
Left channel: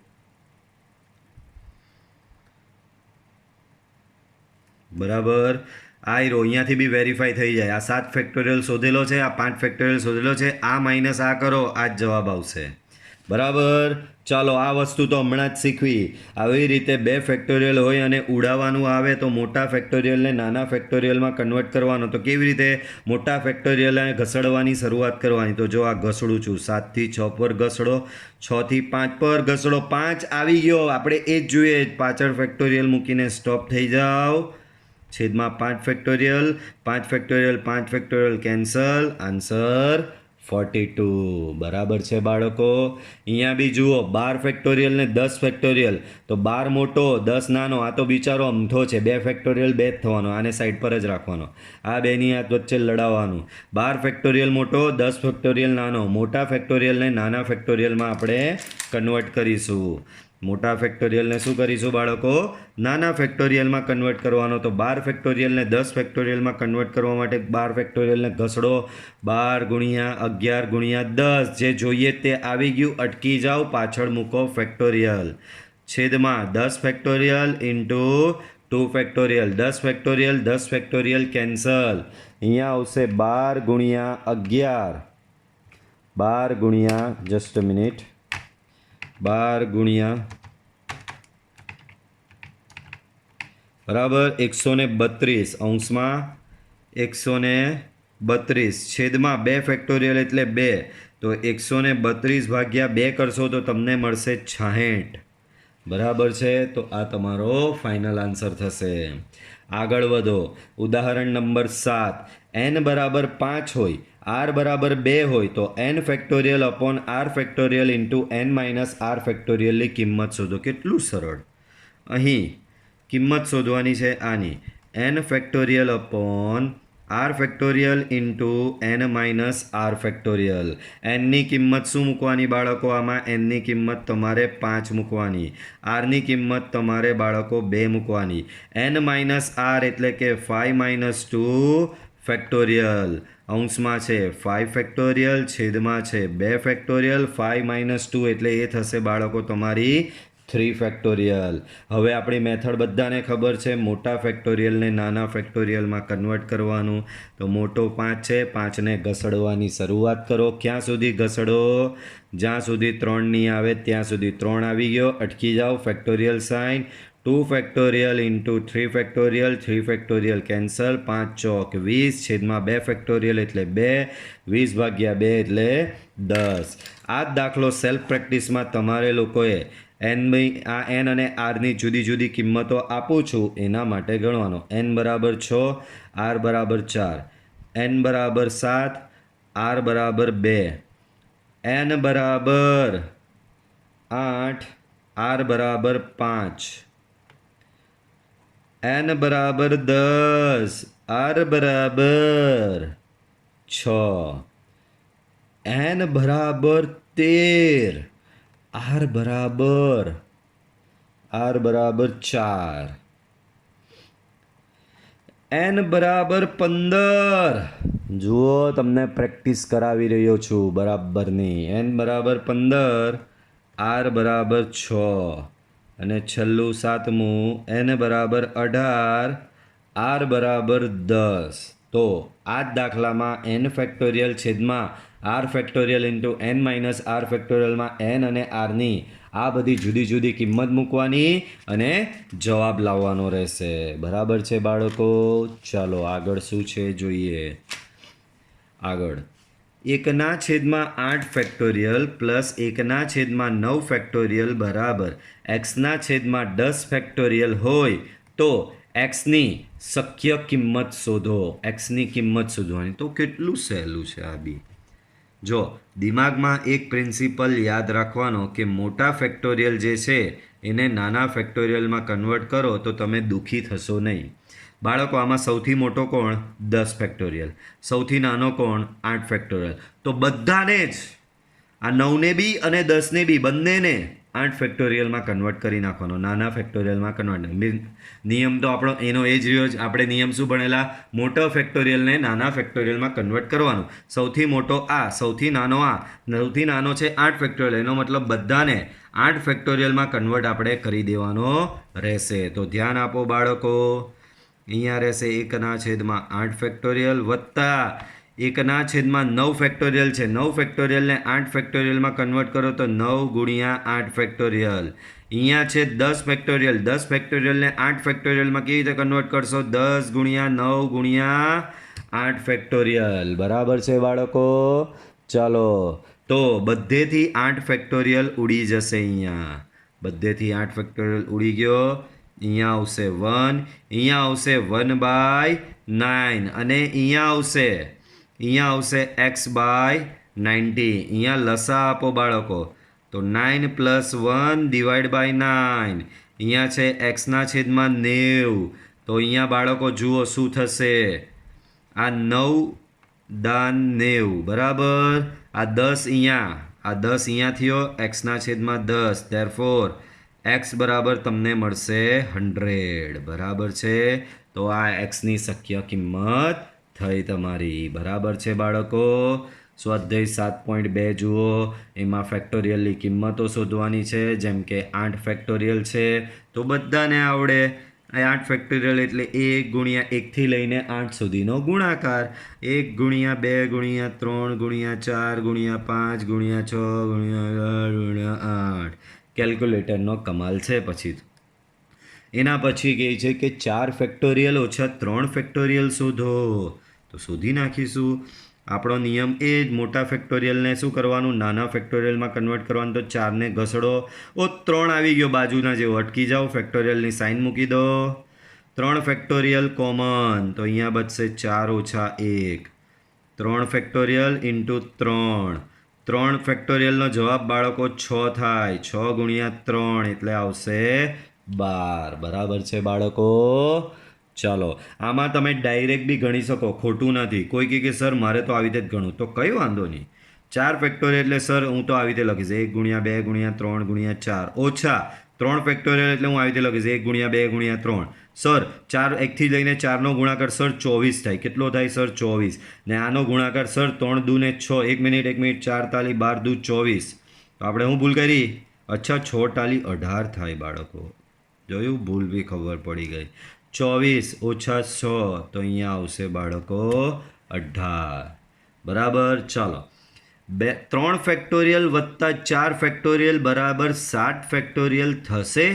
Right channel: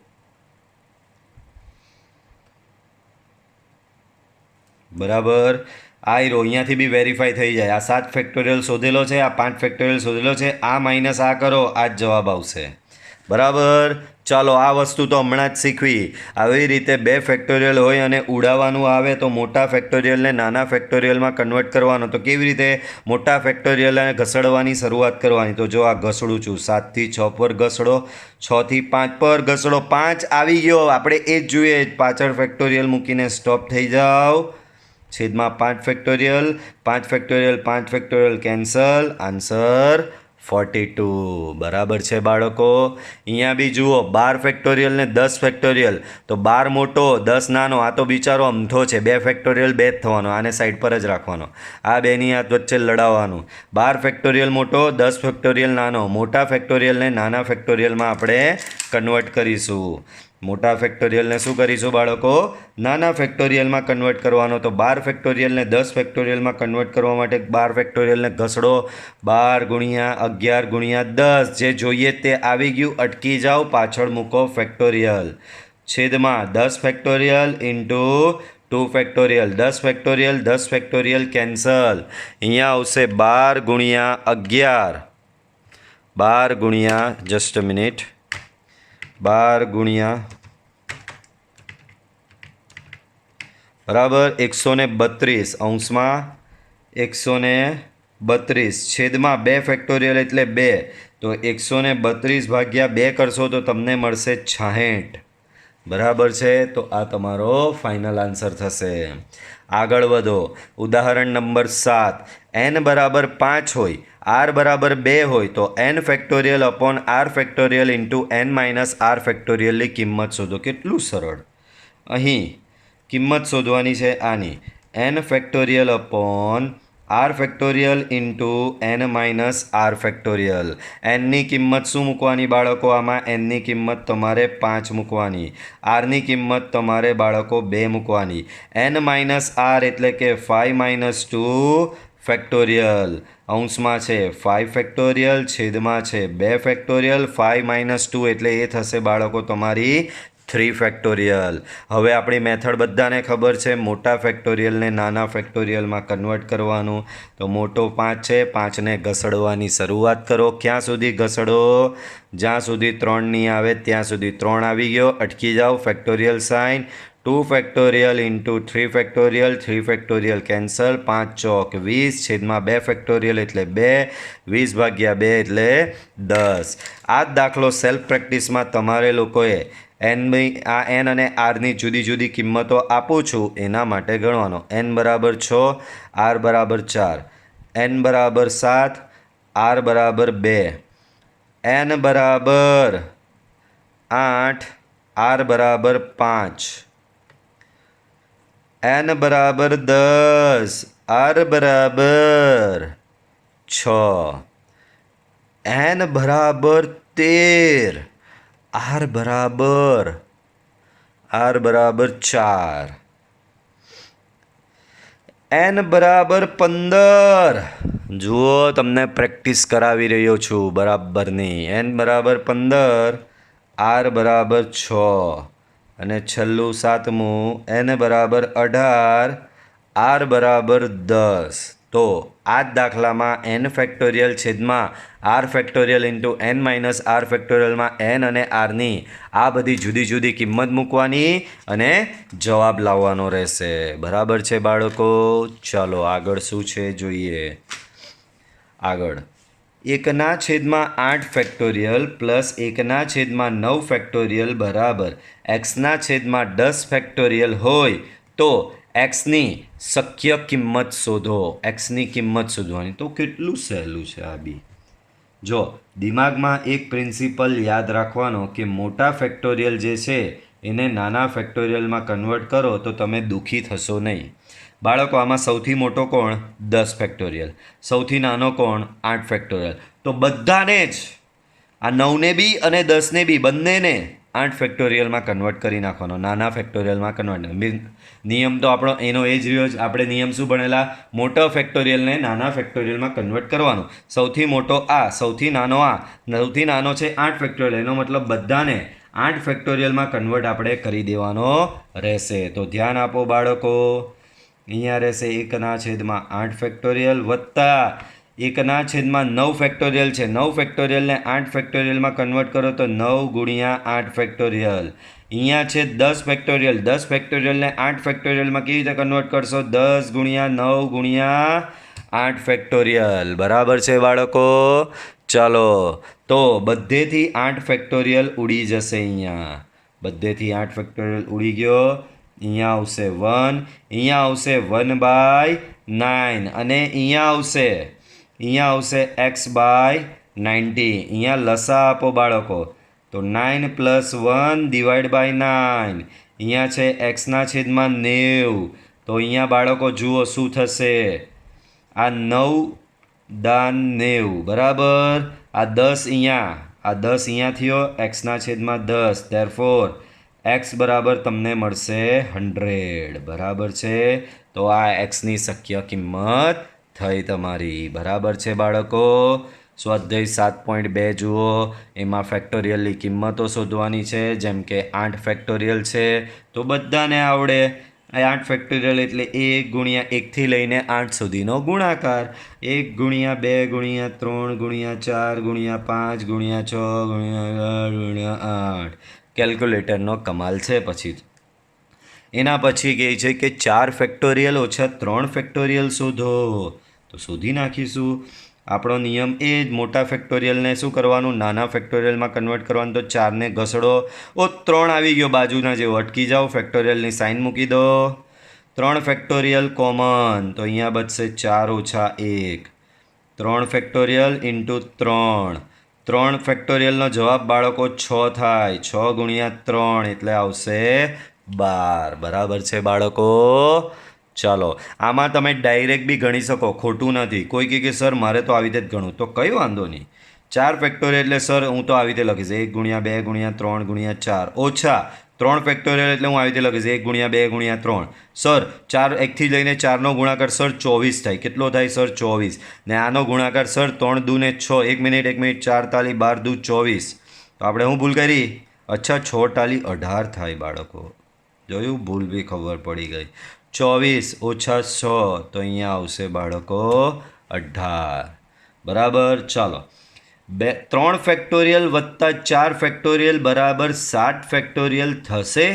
બરાબર. આ હીરો અહીંયાથી બી વેરીફાઈ થઈ જાય. આ 7 ફેક્ટોરિયલ શોધેલો છે, આ 5 ફેક્ટોરિયલ શોધેલો છે, આ માઇનસ આ કરો, આ જ જવાબ આવશે. બરાબર. ચાલો આ વસ્તુ તો હમણાં જ શીખવી. આવી રીતે 2 ફેક્ટોરિયલ હોય અને ઉડાવવાનું આવે તો મોટા ફેક્ટોરિયલને નાના ફેક્ટોરિયલમાં કન્વર્ટ કરવાનો. તો કેવી રીતે? મોટા ફેક્ટોરિયલને ઘસડવાની શરૂઆત કરવાની. તો જો આ ઘસડું છું, 7 થી 6 પર ઘસડો, 6 થી 5 પર ઘસડો, 5 આવી ગયો. આપણે એ જ જોઈએ, પાછળ ફેક્ટોરિયલ મૂકીને સ્ટોપ થઈ જાઓ. છેદમાં 5 factorial, 5 factorial, 5 factorial cancel, answer 42. બરાબર છે બાળકો. અહીંયા બી જુઓ, 12 ફેક્ટોરિયલ ને 10 ફેક્ટોરિયલ. તો 12 મોટો 10 નાનો. આ તો બિચારો અમથો છે, 2 ફેક્ટોરિયલ 2 જ થવાનો, આને સાઈડ પર જ રાખવાનો, આ બેની હાથ વચ્ચે લડાવવાનું. 12 ફેક્ટોરિયલ મોટો, 10 ફેક્ટોરિયલ નાનો. મોટા ફેક્ટોરિયલને નાના ફેક્ટોરિયલમાં આપણે કન્વર્ટ કરીશું. મોટા ફેક્ટોરિયલને શું કરીશું બાળકો? નાના ફેક્ટોરિયલમાં કન્વર્ટ કરવાનો. તો 12 ફેક્ટોરિયલને 10 ફેક્ટોરિયલમાં કન્વર્ટ કરવા માટે 12 ફેક્ટોરિયલને ઘસડો, 12 × 11 × 10, જે જોઈએ તે આવી ગયું. અટકી જાઓ, પાછળ મૂકો ફેક્ટોરિયલ. છેદમાં 10 factorial into 2 factorial, 10 factorial, 10 factorial cancel. અહીંયા આવશે 12 × 11, 12 × જસ્ટ મિનિટ, 12 બરાબર 132, અંશમાં 132, છેદમાં 2 ફેક્ટોરિયલ એટલે 2. તો 132 ભાગ્યા 2 કરશો તો તમને મળશે 66. બરાબર છે. તો આ તમારો ફાઇનલ આન્સર થશે. આગળ વધો. ઉદાહરણ નંબર 7. n બરાબર 5 હોય, r બરાબર 2 હોય તો n factorial upon r factorial into n minus r ફેક્ટોરિયલની કિંમત શોધો. કેટલું સરળ. અહીં કિંમત શોધવાની છે આની, n factorial upon r factorial into n minus r factorial. nની કિંમત શું મૂકવાની બાળકો? આમાં nની કિંમત તમારે 5 મૂકવાની, rની કિંમત તમારે બાળકો 2 મૂકવાની. n માઇનસ r એટલે કે 5 - 2 ફેક્ટોરિયલ. અંશમાં છે 5 ફેક્ટોરિયલ, છેદમાં છે 2 ફેક્ટોરિયલ. 5 - 2 એટલે એ થશે બાળકો તમારી 3 ફેક્ટોરિયલ. હવે આપણી મેથડ બધાને ખબર છે, મોટા ફેક્ટોરિયલને નાના ફેક્ટોરિયલમાં કન્વર્ટ કરવાનું. તો મોટો 5 છે, 5ને ઘસડવાની શરૂઆત કરો. ક્યાં સુધી ઘસડો? જ્યાં સુધી 3 નહીં આવે ત્યાં સુધી. 3 આવી ગયો, અટકી જાઓ, factorial sign. 2 factorial into 3 factorial, 3 factorial cancel, 5 ચોક 20, છેદમાં 2 ફેક્ટોરિયલ એટલે 2, 20 ભાગ્યા 2 એટલે 10. આ જ દાખલો સેલ્ફ પ્રેક્ટિસમાં તમારે લોકોએ આ n અને rની જુદી જુદી કિંમતો આપું છું એના માટે ગણવાનો. n બરાબર 6, r બરાબર 4, n બરાબર 7, r બરાબર 2, n બરાબર 8, r બરાબર 5, n બરાબર 10, r બરાબર 6, n બરાબર 13, r બરાબર 4, n બરાબર 15. જુઓ, તમને પ્રેક્ટિસ કરાવી રહ્યો છું બરાબરની. n બરાબર 15, r બરાબર 6, અને છેલ્લું 7મું n બરાબર 18, r બરાબર 10. તો આ જ દાખલામાં n ફેક્ટોરિયલ છેદમાં R factorial into N minus R ફેક્ટોરિયલમાં એન અને આરની આ બધી જુદી જુદી કિંમત મૂકવાની અને જવાબ લાવવાનો રહેશે. બરાબર છે બાળકો? ચાલો આગળ શું છે જોઈએ. આગળ 1/8 ફેક્ટોરિયલ પ્લસ 1/9 ફેક્ટોરિયલ બરાબર x/10 ફેક્ટોરિયલ હોય તો એક્સની શક્ય કિંમત શોધો. એક્સની કિંમત શોધવાની તો કેટલું સહેલું છે આ બી. જો દિમાગમાં એક પ્રિન્સિપલ યાદ રાખવાનો કે મોટા ફેક્ટોરિયલ જે છે એને નાના ફેક્ટોરિયલમાં કન્વર્ટ કરો તો તમે દુઃખી થશો નહીં. બાળકો આમાં સૌથી મોટો કોણ? 10 ફેક્ટોરિયલ. સૌથી નાનો કોણ? 8 ફેક્ટોરિયલ. તો બધાને જ આ 9ને બી અને 10ને બી બંનેને 8 ફેક્ટોરિયલમાં કન્વર્ટ કરી નાખવાનો, નાના ફેક્ટોરિયલમાં કન્વર્ટ. નિયમ તો આપણો એનો એ જ રહ્યો જ. આપણે નિયમ શું ભણેલા? મોટા ફેક્ટોરિયલને નાના ફેક્ટોરિયલમાં કન્વર્ટ કરવાનું. સૌથી મોટો આ, સૌથી નાનો આ. સૌથી નાનો છે 8 ફેક્ટોરિયલ, એનો મતલબ બધાને 8 ફેક્ટોરિયલમાં કન્વર્ટ આપણે કરી દેવાનો રહેશે. તો ધ્યાન આપો બાળકો. અહીંયા રહેશે 1/8 ફેક્ટોરિયલ વત્તા 1/9 ફેક્ટોરિયલ છે. 9 ફેક્ટોરિયલને 8 ફેક્ટોરિયલમાં કન્વર્ટ કરો તો 9 ગુણ્યા 8 ફેક્ટોરિયલ. અહીંયા છે 10 ફેક્ટોરિયલ. 10 ફેક્ટોરિયલને 8 ફેક્ટોરિયલમાં કેવી રીતે કન્વર્ટ કરશો? 10 ગુણ્યા 9 ગુણ્યા 8 ફેક્ટોરિયલ. બરાબર છે બાળકો? ચાલો તો બધેથી 8 ફેક્ટોરિયલ ઉડી જશે. અહીંયા બધેથી 8 ફેક્ટોરિયલ ઉડી ગયો. અહીંયા આવશે 1, અહીંયા આવશે 1/9 અને અહીંયા આવશે x/90. અહીંયા લસા આપો બાળકો તો 9 + 1 / 9. અહીંયા છે x/90. તો અહીંયા બાળકો જુઓ શું થશે. આ 9×9 બરાબર. આ 10 અહીંયા, આ 10 અહીંયા થયો x/10. ધેરફોર x બરાબર તમને મળશે 100. બરાબર છે? તો આ એક્સની શક્ય કિંમત થઈ તમારી. બરાબર છે બાળકો? સ્વાધ્યાય 7.2 જુઓ. એમાં ફેક્ટોરિયલની કિંમતો શોધવાની છે. જેમ કે 8 ફેક્ટોરિયલ છે તો બધાને આવડે. 8 ફેક્ટોરિયલ એટલે 1 ગુણ્યા 1થી લઈને 8 સુધીનો ગુણાકાર. 1 ગુણ્યા 2 ગુણ્યા 3 ગુણ્યા 4 ગુણ્યા 5 ગુણ્યા 6 ગુણ્યા 8 કેલ્ક્યુલેટરનો કમાલ છે. પછી એના પછી કહે છે કે 4 ફેક્ટોરિયલ ઓછા 3 ફેક્ટોરિયલ શોધો. તો શોધી નાખીશું. આપણો નિયમ એ જ. મોટા ફેક્ટોરિયલને શું કરવાનું? નાના ફેક્ટોરિયલમાં કન્વર્ટ કરવાનું. તો 4ને ઘસડો. 3 આવી ગયો બાજુના જેવો. અટકી જાઓ. ફેક્ટોરિયલની સાઇન મૂકી દો. 3 ફેક્ટોરિયલ કોમન. તો અહીંયા બચશે 4 ઓછા 1. 3 ફેક્ટોરિયલ ઇન્ટુ 3. 3 ફેક્ટોરિયલનો જવાબ બાળકો 6 થાય. 6 ગુણ્યા 3 એટલે આવશે 12. બરાબર છે બાળકો? ચાલો આમાં તમે ડાયરેક્ટ બી ગણી શકો, ખોટું નથી. કોઈ કહે કે સર મારે તો આવી રીતે જ ગણું, તો કંઈ વાંધો નહીં. 4 ફેક્ટોરિયલ એટલે સર હું તો આવી રીતે લખીશ 1 ગુણ્યા 2 ગુણ્યા 3 ગુણ્યા 4 ઓછા 3 ફેક્ટોરિયલ એટલે હું આવી રીતે લખીશ 1 ગુણ્યા 2 ગુણ્યા 3. સર 4 1થી લઈને 4નો ગુણાકાર સર 24 થાય. કેટલો થાય સર? 24. ને આનો ગુણાકાર સર 3 દૂને 6. 1 મિનિટ 4 તાલી 12 દૂ 24. તો આપણે હું ભૂલ કરી? અચ્છા 6 તાલી 18 થાય બાળકો. જોયું? ભૂલ બી ખબર પડી ગઈ. 24 ઓછા 6 તો અહીંયા આવશે બાળકો 18. બરાબર? ચાલો 3 ફેક્ટોરિયલ વત્તા 4 ફેક્ટોરિયલ બરાબર 7 ફેક્ટોરિયલ થશે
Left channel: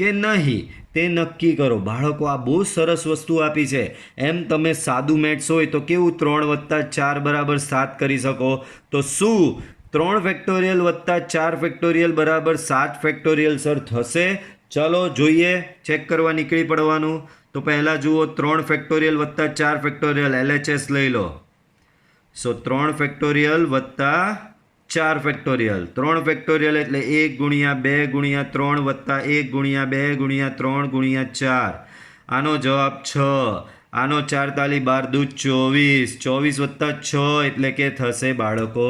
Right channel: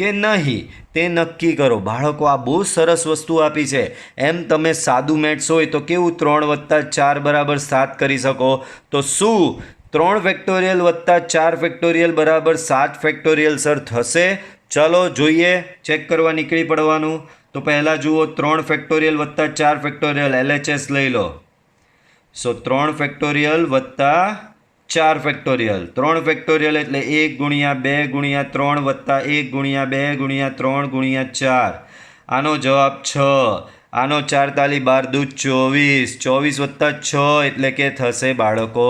કે નહીં તે નક્કી કરો. બાળકો આ બહુ સરસ વસ્તુ આપી છે. એમ તમે સાદું મેથ્સ હોય તો કેવું 3 વત્તા 4 બરાબર 7 કરી શકો. તો શું 3 ફેક્ટોરિયલ વત્તા 4 ફેક્ટોરિયલ બરાબર 7 ફેક્ટોરિયલ સર થશે? ચાલો જોઈએ. ચેક કરવા નીકળી પડવાનું. તો પહેલાં જુઓ 3 ફેક્ટોરિયલ વત્તા 4 ફેક્ટોરિયલ LHS લઈ લો. સો 3 ફેક્ટોરિયલ વત્તા 4 ફેક્ટોરિયલ. 3 ફેક્ટોરિયલ એટલે 1 ગુણ્યા 2 ગુણ્યા 3 વત્તા 1 ગુણ્યા 2 ગુણ્યા 3 ગુણ્યા 4. આનો જવાબ 6. આનો 4 તાલી 12 દૂ 24. 24 વત્તા 6 એટલે કે થશે બાળકો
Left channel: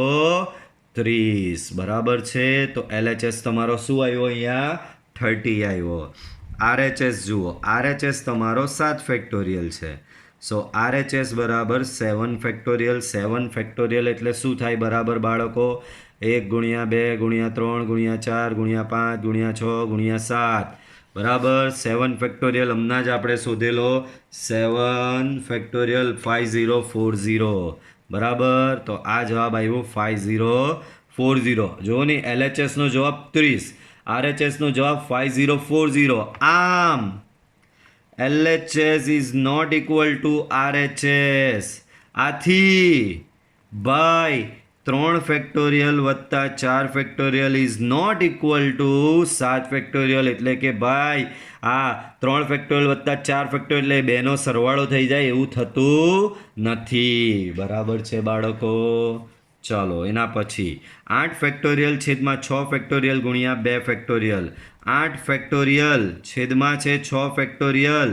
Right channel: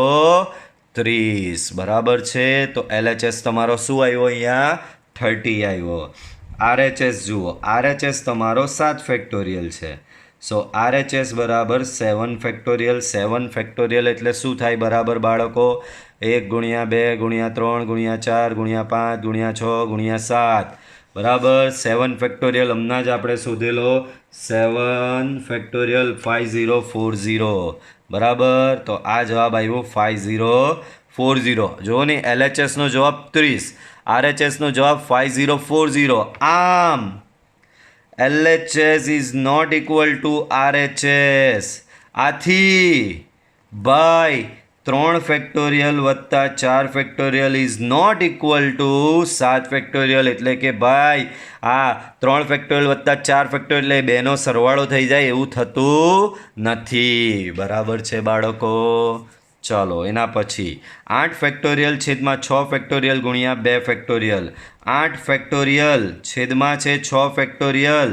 30. બરાબર છે? તો LHS તમારો શું આવ્યો? અહીંયા 30 આવ્યો. RHS જુઓ. RHS તમારો 7 ફેક્ટોરિયલ છે. સો RHS બરાબર 7 ફેક્ટોરિયલ. 7 ફેક્ટોરિયલ એટલે શું થાય બરાબર બાળકો? 1 ગુણ્યા 2 ગુણ્યા 3 ગુણ્યા 4 ગુણ્યા 5 ગુણ્યા 6 ગુણ્યા 7. બરાબર? 7 ફેક્ટોરિયલ હમણાં જ આપણે શોધેલો. 7 ફેક્ટોરિયલ 5040. બરાબર. તો આ જવાબ આવ્યો 5040. જુઓ ને, LHSનો જવાબ 30, RHSનો જવાબ 5040. આમ LHS is not equal to RHS. આથી બાય 3 ફેક્ટોરિયલ વત્તા 4 factorial is not equal to 7 factorial. એટલે કે ભાઈ આ 3 ફેક્ટોરિયલ વત્તા 4 ફેક્ટોરિયલ એટલે બેનો સરવાળો થઈ જાય એવું થતું નથી. બરાબર છે બાળકો? ચલો એના પછી 8 ફેક્ટોરિયલ છેદમાં 6 ફેક્ટોરિયલ ગુણ્યા 2 ફેક્ટોરિયલ. 8 ફેક્ટોરિયલ છેદમાં છે 6 ફેક્ટોરિયલ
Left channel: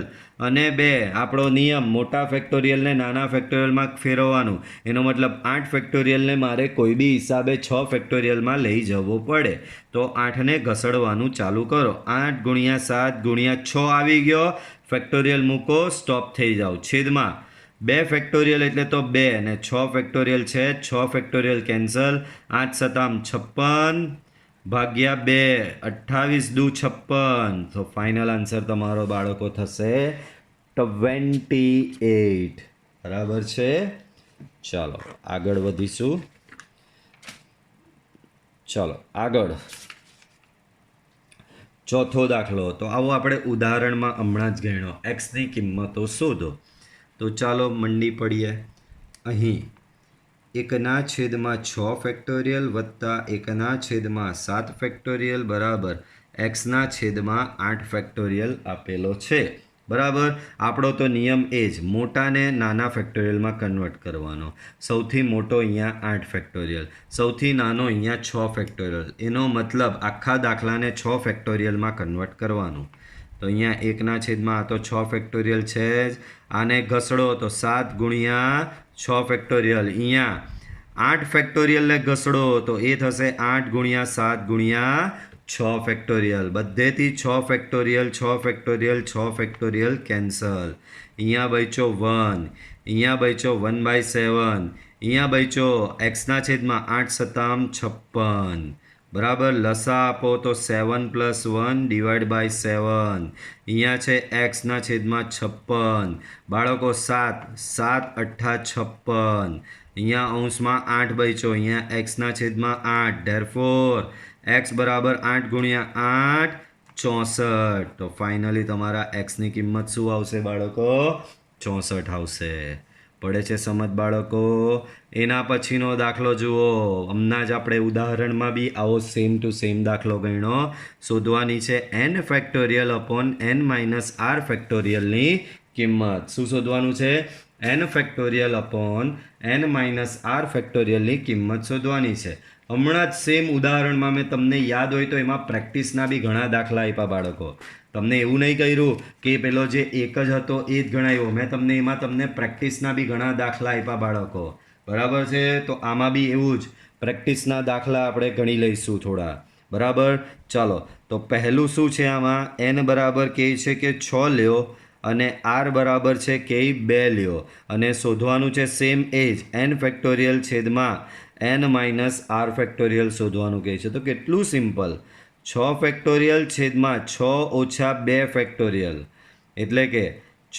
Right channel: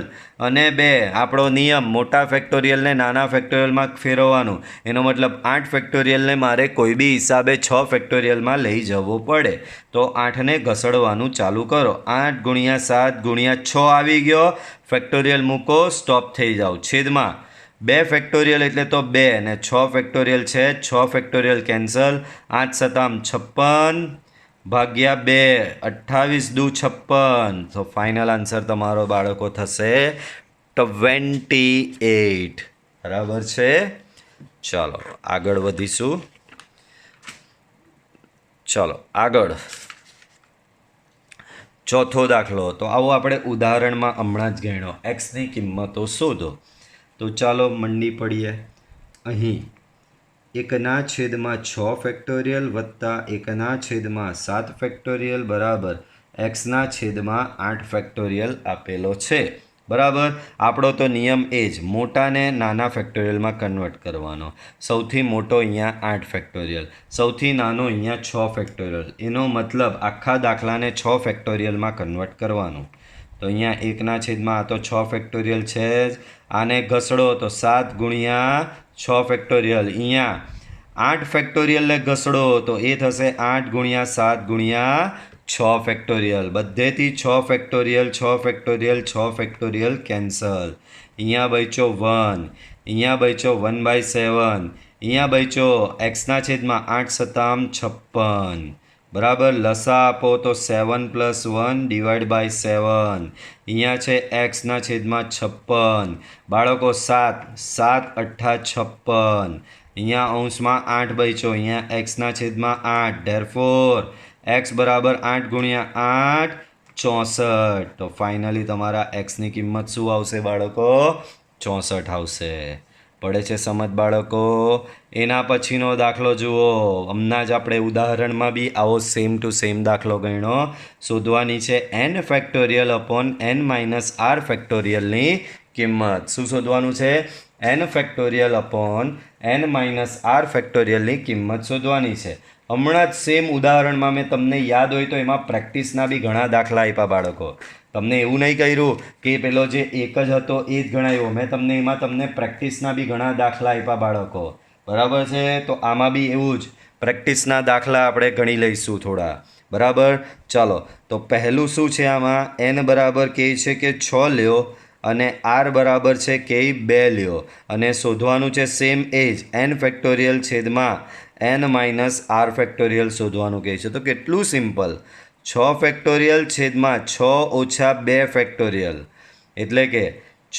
અને 2. આપણો નિયમ મોટા ફેક્ટોરિયલને નાના ફેક્ટોરિયલમાં ફેરવવાનું. એનો મતલબ 8 ફેક્ટોરિયલને મારે કોઈ બી હિસાબે 6 ફેક્ટોરિયલમાં લઈ જવું પડે. તો 8ને ઘસડવાનું ચાલુ કરો. 8 ગુણ્યા 7 ગુણ્યા 6 આવી ગયો. ફેક્ટોરિયલ મૂકો, સ્ટોપ થઈ જાઓ. છેદમાં 2 ફેક્ટોરિયલ એટલે તો 2 ને 6 ફેક્ટોરિયલ છે, 6 ફેક્ટોરિયલ કેન્સલ. 8 સતામ 56 ભાગ્યા 2, 28 દુ 56. તો ફાઇનલ આન્સર તમારો બાળકો થશે 28. બરાબર છે? ચાલો આગળ વધીશું. ચલો આગળ ચોથો દાખલો. તો આવો આપણે ઉદાહરણમાં હમણાં જ ગણ્યો. એક્સની કિંમતો શોધો. તો ચાલો મંડી પડીએ. અહીં 1/6 ફેક્ટોરિયલ વત્તા 1/7 ફેક્ટોરિયલ બરાબર x/8 ફેક્ટોરિયલ આપેલો છે. બરાબર. આપણો તો નિયમ એ જ મોટાને નાના ફેક્ટોરિયલમાં કન્વર્ટ કરવાનો. સૌથી મોટો અહીંયા 8 ફેક્ટોરિયલ, સૌથી નાનો અહીંયા 6 ફેક્ટોરિયલ. એનો મતલબ આખા દાખલાને 6 ફેક્ટોરિયલમાં કન્વર્ટ કરવાનું. તો અહીંયા 1/, આ તો 6 ફેક્ટોરિયલ છે જ. આને ઘસડો તો 7 ગુણ્યા 6 ફેક્ટોરિયલ. અહીંયા 8 ફેક્ટોરિયલને ઘસડો તો એ થશે 8 ગુણ્યા 7 ગુણ્યા 6 ફેક્ટોરિયલ. બધેથી 6 ફેક્ટોરિયલ 6 ફેક્ટોરિયલ 6 ફેક્ટોરિયલ કેન્સલ. અહીંયા બચ્યો 1, અહીંયા બચ્યો 1/7, અહીંયા બચ્યો x/8 સતામ 56. બરાબર. લસા આપો તો 7 + 1 / 7. અહીંયા છે x/56. બાળકો 7, 7 × 8 56. અહીંયા અંશમાં 8 બચ્યો, અહીંયા x/8. ધેરફોર x બરાબર 8 ગુણ્યા 8 64. તો ફાઇનલી તમારા એક્સની કિંમત શું આવશે બાળકો? 64 આવશે. પડે છે સમજ બાળકો? એના પછીનો દાખલો જુઓ. હમણાં જ આપણે ઉદાહરણમાં બી આવો સેમ ટુ સેમ દાખલો ગણ્યો. શોધવાની છે n factorial upon n - r ફેક્ટોરિયલની કિંમત. શું શોધવાનું છે? n factorial upon n - r ફેક્ટોરિયલની કિંમત શોધવાની છે. હમણાં જ સેમ ઉદાહરણમાં મેં તમને યાદ હોય તો એમાં પ્રેક્ટિસના બી ઘણા દાખલા આપ્યા બાળકો. તમને એવું નહીં કર્યું કે પેલો જે એક જ હતો એ જ ગણાવ્યો. મેં તમને પ્રેક્ટિસના બી ઘણા દાખલા આપ્યા બાળકો. બરાબર છે? તો આમાં બી એવું જ પ્રેક્ટિસના દાખલા આપણે ગણી લઈશું થોડા. બરાબર. ચાલો તો પહેલું શું છે આમાં? n બરાબર કહે છે કે 6 લ્યો અને r બરાબર છે કે 2 લ્યો અને શોધવાનું છે સેમ એજ n ફેક્ટોરિયલ છેદમાં n - r ફેક્ટોરિયલ શોધવાનું કહે છે. તો કેટલું સિમ્પલ. 6 ફેક્ટોરિયલ છેદમાં 6 ઓછા 2 ફેક્ટોરિયલ એટલે કે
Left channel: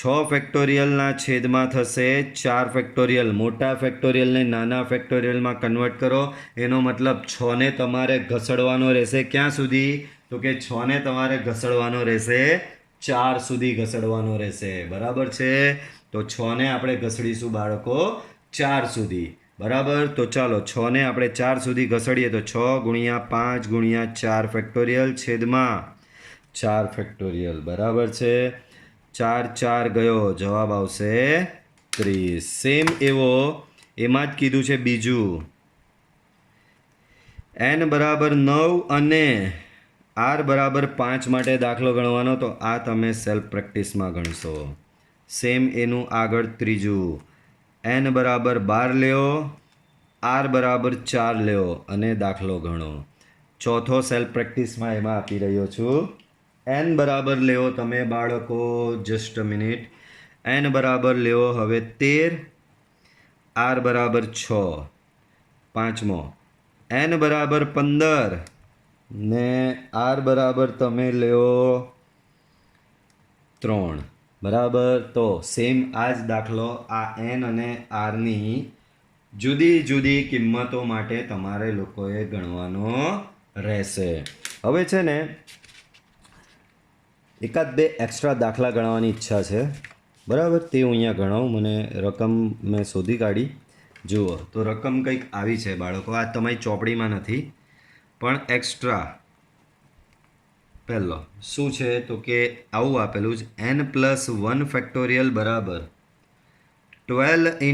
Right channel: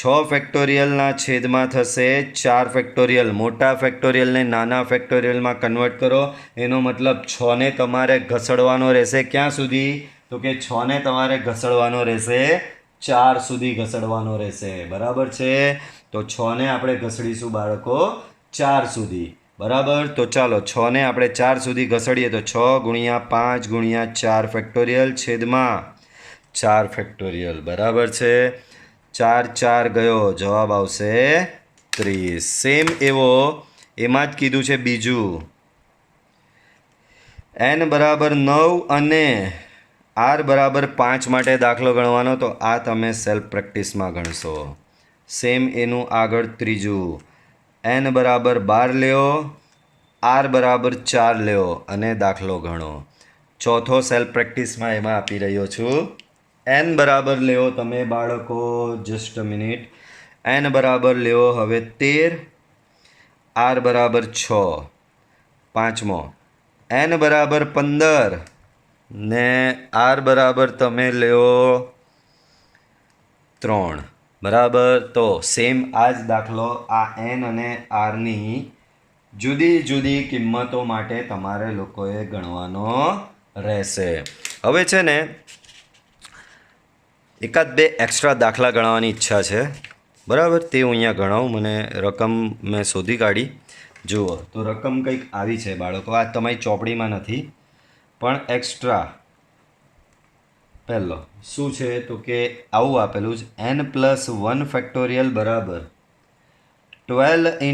6 ફેક્ટોરિયલના છેદમાં થશે 4 ફેક્ટોરિયલ. મોટા ફેક્ટોરિયલને નાના ફેક્ટોરિયલમાં કન્વર્ટ કરો. એનો મતલબ 6ને તમારે ઘસડવાનો રહેશે ક્યાં સુધી? તો કે 6ને તમારે ઘસડવાનો રહેશે 4 સુધી ઘસડવાનો રહેશે. બરાબર છે? તો 6ને આપણે ઘસડીશું બાળકો 4 સુધી. બરાબર. તો ચાલો 6ને આપણે 4 સુધી ઘસડીએ તો 6 ગુણ્યા 5 ગુણ્યા 4 ફેક્ટોરિયલ છેદમાં 4 ફેક્ટોરિયલ. બરાબર છે? 4 4 ગયો, જવાબ આવશે 30. સેમ એવો એમાં જ કીધું છે બીજું. n બરાબર 9 અને r બરાબર 5 માટે દાખલો ગણવાનો. તો આ તમે સેલ્ફ પ્રેક્ટિસમાં ગણશો. સેમ એનું આગળ ત્રીજું. n બરાબર 12 લ્યો, r બરાબર 4 લ્યો અને દાખલો ગણો. ચોથો સેલ્ફ પ્રેક્ટિસમાં એમાં આપી રહ્યો છું. n બરાબર લ્યો તમે બાળકો, જસ્ટ અ મિનિટ. n બરાબર લ્યો હવે 13, r બરાબર 6. પાંચમો n બરાબર 15 ને r બરાબર તમે લ્યો 3. બરાબર. તો સેમ આ જ દાખલો આ n અને rની જુદી જુદી કિંમતો માટે તમારે લોકોએ ગણવાનો રહેશે. હવે છે ને એકાદ બે એક્સ્ટ્રા દાખલા ગણવાની ઈચ્છા છે, બરાબર? તે હું અહીંયા ગણાવું. મને રકમ મેં શોધી કાઢી. જુઓ તો રકમ કંઈક આવી છે બાળકો, આ તમારી ચોપડીમાં નથી પણ એક્સ્ટ્રા. પહેલો શું છે તો કે આવું આપેલું છે, n+1 ફેક્ટોરિયલ બરાબર 12 ×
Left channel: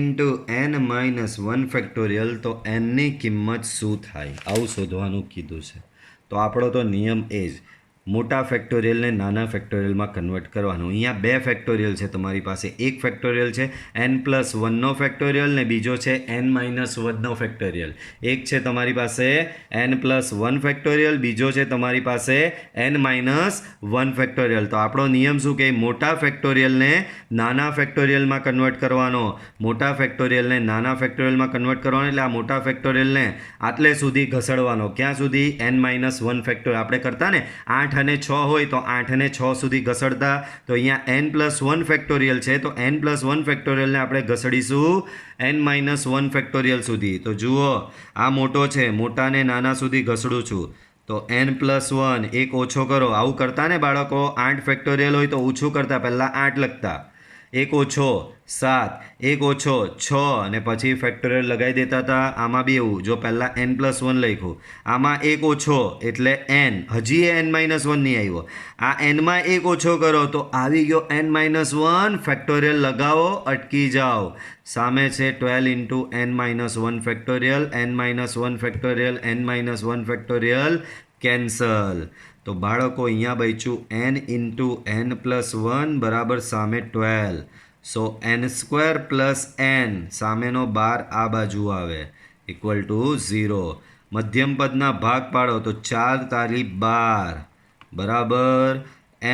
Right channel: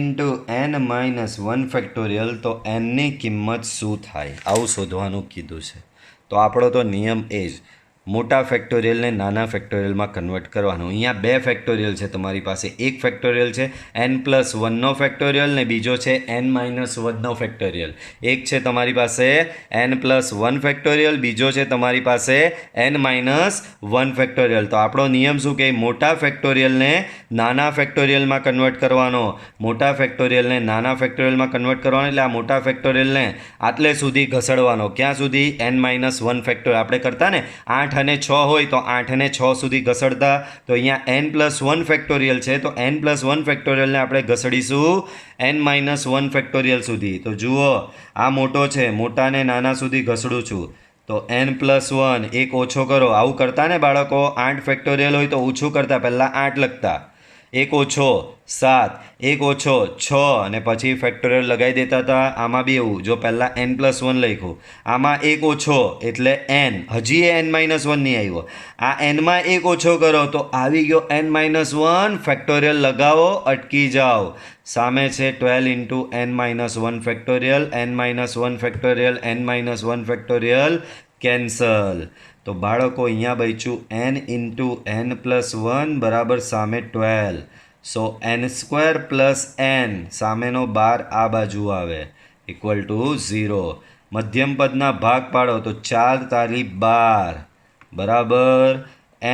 n-1 ફેક્ટોરિયલ. તો nની કિંમત શું થાય આવું શોધવાનું કીધું છે. તો આપણો તો નિયમ એ જ મોટા ફેક્ટોરિયલને નાના ફેક્ટોરિયલમાં કન્વર્ટ કરવાનું. અહીંયા બે ફેક્ટોરિયલ છે તમારી પાસે. એક ફેક્ટોરિયલ છે n+1નો ફેક્ટોરિયલ ને બીજો છે n-1નો ફેક્ટોરિયલ. એક છે તમારી પાસે n+1 ફેક્ટોરિયલ, બીજો છે તમારી પાસે n-1 ફેક્ટોરિયલ. તો આપણો નિયમ શું કે મોટા ફેક્ટોરિયલને નાના ફેક્ટોરિયલમાં કન્વર્ટ કરવાનો. મોટા ફેક્ટોરિયલને નાના ફેક્ટોરિયલમાં કન્વર્ટ કરવાનો એટલે આ મોટા ફેક્ટોરિયલને આટલે સુધી ઘસડવાનો. ક્યાં સુધી? n-1 factorial. આપણે કરતા ને 8 અને 6 હોય તો 8 અને 6 સુધી ઘસડતા. તો અહીંયા n+1 ફેક્ટોરિયલ છે તો n+1 ફેક્ટોરિયલને આપણે ઘસડીશું n-1 ફેક્ટોરિયલ સુધી. તો જુઓ આ મોટો છે, મોટાને નાના સુધી ઘસડું છું. તો n+1 એક ઓછો કરો. આવું કરતા ને બાળકો, 8 ફેક્ટોરિયલ હોય તો ઓછું કરતા, પહેલાં 8 લખતા, એક ઓછો 7, એક ઓછો 6 અને પછી ફેક્ટોરિયલ લગાવી દેતા હતા. આમાં બી એવું, જો પહેલાં n+1 લખ્યું, આમાં એક ઓછો એટલે n, હજી એ n-1 નહીં આવ્યો. આ nમાં એક ઓછો કરો તો આવી ગયો n-1 ફેક્ટોરિયલ. લગાવો, અટકી જાઓ. સામે છે 12 × n-1 factorial, n-1 factorial, n-1 factorial cancel. તો બાળકો અહીંયા બચ્યું n × n+1 બરાબર સામે 12. સો n² + n સામેનો 12 આ બાજુ આવે =0. મધ્યમ પદના ભાગ પાડો તો 4 તાલી 12 બરાબર.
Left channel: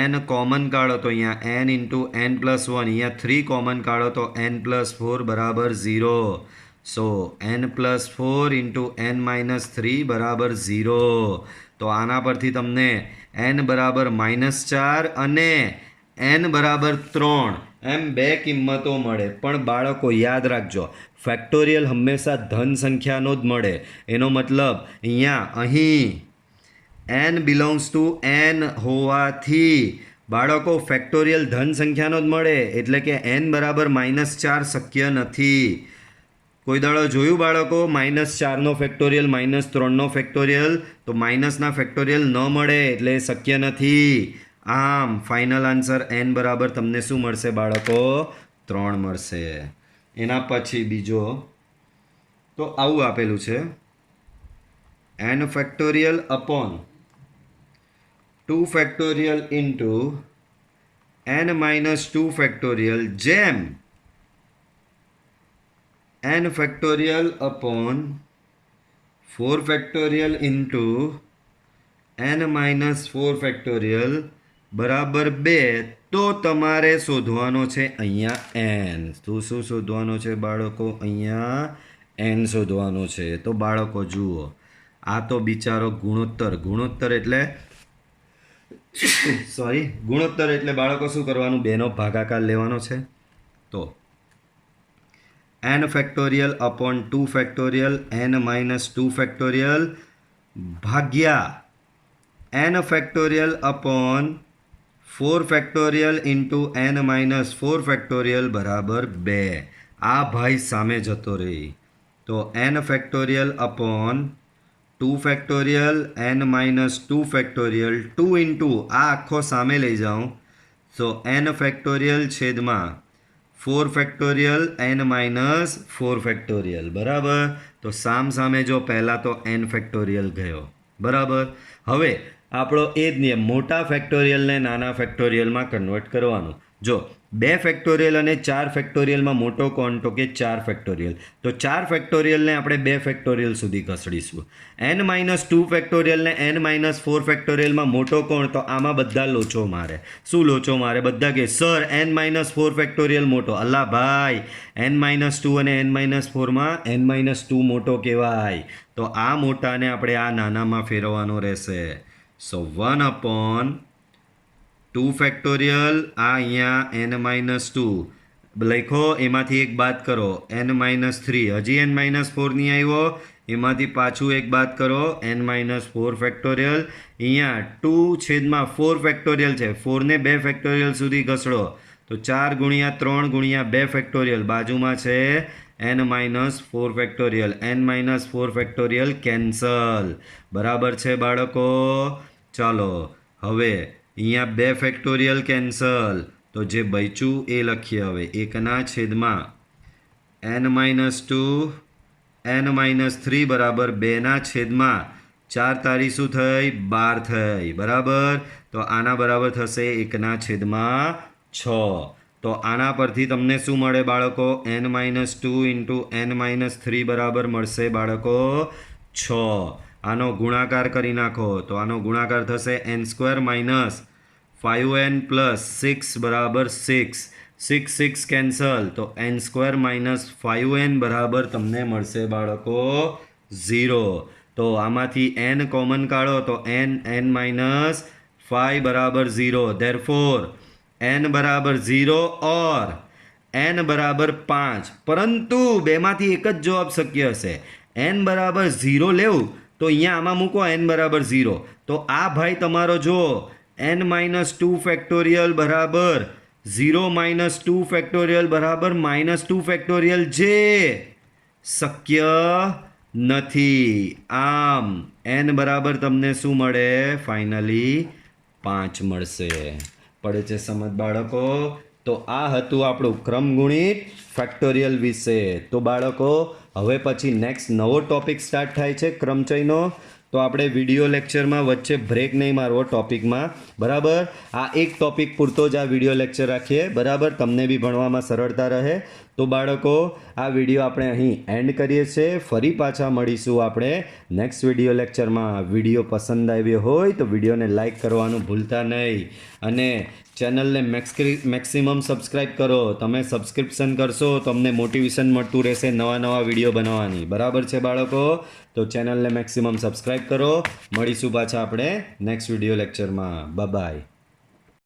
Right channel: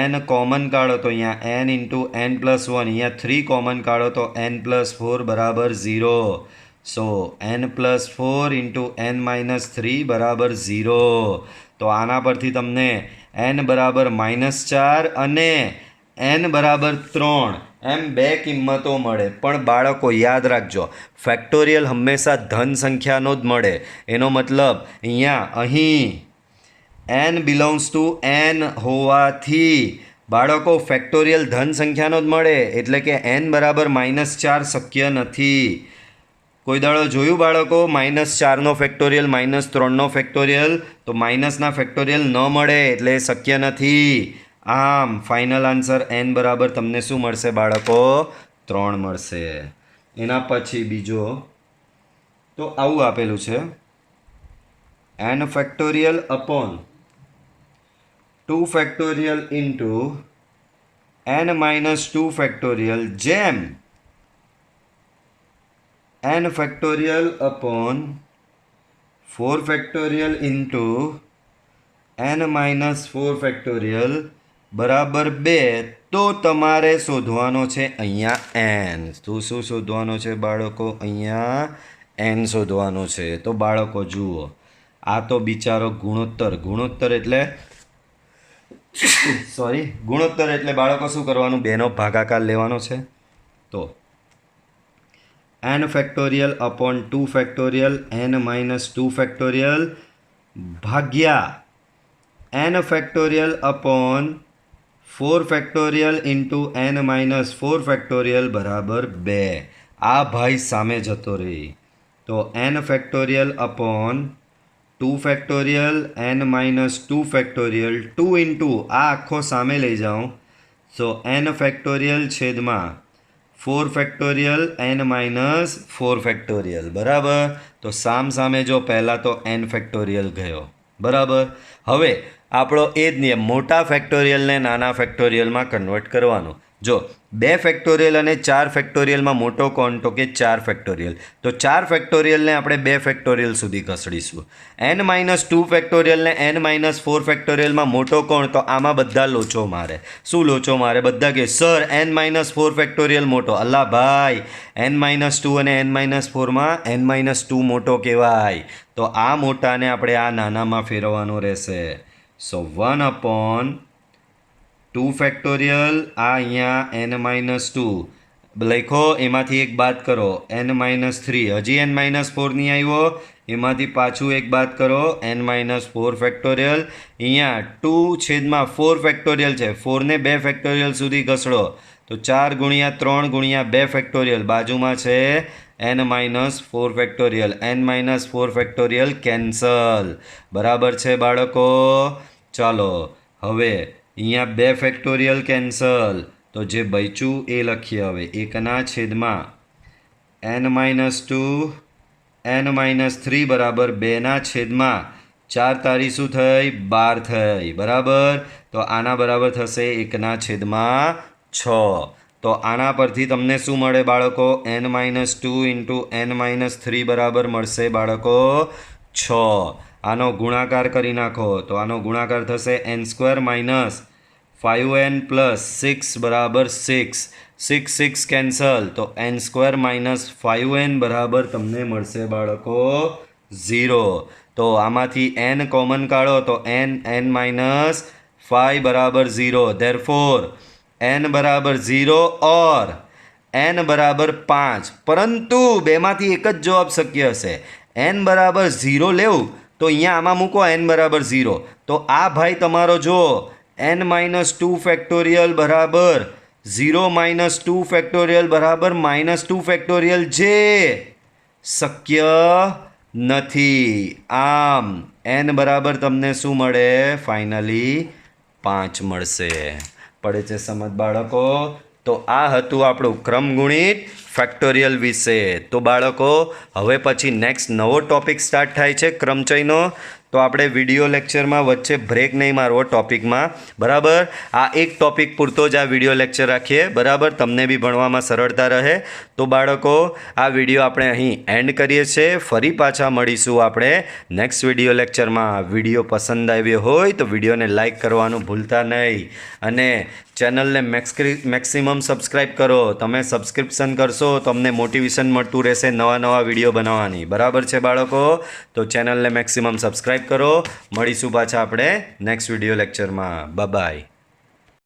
n કોમન કાઢો તો અહીંયા n × n+1, અહીંયા 3 કોમન કાઢો તો n+4 બરાબર 0. સો n+4 × n-3 બરાબર 0. તો આના પરથી તમને n બરાબર -4 અને n બરાબર 3 એમ બે કિંમતો મળે. પણ બાળકો યાદ રાખજો, ફેક્ટોરિયલ હંમેશા ધન સંખ્યાનો જ મળે. એનો મતલબ અહીં n બિલોંગ્સ ટુ n હોવાથી બાળકો ફેક્ટોરિયલ ધન સંખ્યાનો જ મળે. એટલે કે n બરાબર -4 શક્ય નથી. કોઈ દાડો જોયું બાળકો -4નો ફેક્ટોરિયલ, -3નો ફેક્ટોરિયલ? તો માઇનસના ફેક્ટોરિયલ ન મળે એટલે શક્ય નથી. આમ ફાઇનલ આન્સર n બરાબર તમને શું મળશે બાળકો? 3 મળશે. એના પછી બીજો તો આવું આપેલું છે, n factorial upon 2 factorial into n-2 factorial, જેમ n factorial upon 4 factorial into n-4 factorial બરાબર 2. તો તમારે શોધવાનો છે અહીંયા n. શું શોધવાનો છે બાળકો? અહીંયા n શોધવાનો છે. તો બાળકો જુઓ, આ તો બિચારો ગુણોત્તર એટલે ગુણોત્તર એટલે બાળકો શું કરવાનું? બેનો ભાગાકાર લેવાનો છે. તો n factorial upon 2 factorial n-2 factorial ભાગ્યા n factorial upon 4 factorial into n-4 factorial બરાબર 2. આ ભાઈ સામે જતો રહી. તો n factorial upon 2 factorial n-2 factorial 2 into આ આખો સામે લઈ જાઉં. સો n ફેક્ટોરિયલ છેદમાં 4 ફેક્ટોરિયલ n-4 ફેક્ટોરિયલ બરાબર. તો સામે જો પહેલાં તો n ફેક્ટોરિયલ ગયો બરાબર. હવે આપણો એ જ નિયમ, મોટા ફેક્ટોરિયલને નાના ફેક્ટોરિયલમાં કન્વર્ટ કરવાનો. જો 2 ફેક્ટોરિયલ અને 4 ફેક્ટોરિયલમાં મોટો કોણ? તો કે 4 ફેક્ટોરિયલ. તો 4 ફેક્ટોરિયલને આપણે 2 ફેક્ટોરિયલ સુધી ઘસડીશું. n-2 ફેક્ટોરિયલને n-4 ફેક્ટોરિયલમાં મોટો કોણ? તો આમાં બધા લોચો મારે. શું લોચો મારે? બધા કે સર n-4 ફેક્ટોરિયલ મોટો. અલ્લા ભાઈ, n-2 અને n-4માં n-2 મોટો કહેવાય. તો આ મોટાને આપણે આ નાનામાં ફેરવવાનો રહેશે. સો 1/2 ફેક્ટોરિયલ, આ અહીંયા n-2 લખો એમાંથી એક બાદ કરો n-3 હજી n-4 નહીં આવ્યો એમાંથી પાછું એક બાદ કરો n-4 ફેક્ટોરિયલ અહીંયા 2/4 ફેક્ટોરિયલ છે 4ને 2 ફેક્ટોરિયલ સુધી ઘસડો તો 4 ગુણ્યા 3 ગુણ્યા 2 ફેક્ટોરિયલ બાજુમાં છે n-4 factorial n-4 factorial cancel બરાબર છે બાળકો ચાલો હવે અહીંયા 2 ફેક્ટોરિયલ કેન્સલ તો જે બચ્યું એ લખીએ હવે 1/છેદમાં n-2 n-3 બરાબર 2/છેદમાં 4 તારી શું થઈ 12 થઈ બરાબર તો આના બરાબર થશે 1/6 તો આના પરથી તમને શું મળે બાળકો n-2 ઇન્ટુ n-3 બરાબર મળશે બાળકો 6 આનો ગુણાકાર કરી નાખો તો આનો ગુણાકાર થશે n² - 5n + 6 બરાબર 6 6 કેન્સલ તો n² - 5n બરાબર તમને મળશે બાળકો 0 તો આમાંથી n કોમન કાઢો તો n-5 બરાબર 0 therefore n બરાબર 0 और n બરાબર 5 પરંતુ બેમાંથી એક જ જવાબ શક્ય હશે n બરાબર 0 લેવું તો અહીંયા આમાં મૂકો n બરાબર 0 તો આ ભાઈ તમારો જો n-2 ફેક્ટોરિયલ બરાબર 0 - 2 ફેક્ટોરિયલ બરાબર -2 ફેક્ટોરિયલ જે શક્ય નથી આમ n બરાબર તમને શું મળે ફાઇનલી 5 મળશે પડે છે સમજ બાળકો તો આ હતું આપણું ક્રમગુણિત ફેક્ટોરિયલ વિશે તો બાળકો હવે પછી નેક્સ્ટ નવો ટોપિક સ્ટાર્ટ થાય છે ક્રમચયનો તો આપણે વિડીયો લેક્ચરમાં વચ્ચે બ્રેક નહીં મારવો ટોપિકમાં બરાબર આ એક ટોપિક પૂરતો જ આ વિડીયો લેક્ચર રાખીએ બરાબર તમને બી ભણવામાં સરળતા રહે તો બાળકો આ વિડીયો આપણે અહીં એન્ડ કરીએ છીએ ફરી પાછા મળીશું આપણે નેક્સ્ટ વિડીયો લેક્ચરમાં વિડીયો પસંદ આવ્યો હોય તો વિડીયોને લાઈક કરવાનું ભૂલતા નહીં અને ચેનલને મેક્સિમમ સબસ્ક્રાઈબ કરો તમે સબસ્ક્રિપ્શન કરશો તો અમને મોટિવેશન મળતું રહેશે નવા વિડીયો બનાવવાની બરાબર છે બાળકો તો ચેનલને મેક્સિમમ સબસ્ક્રાઈબ કરો મળીશું પાછા આપણે નેક્સ્ટ વિડીયો લેક્ચરમાં બાય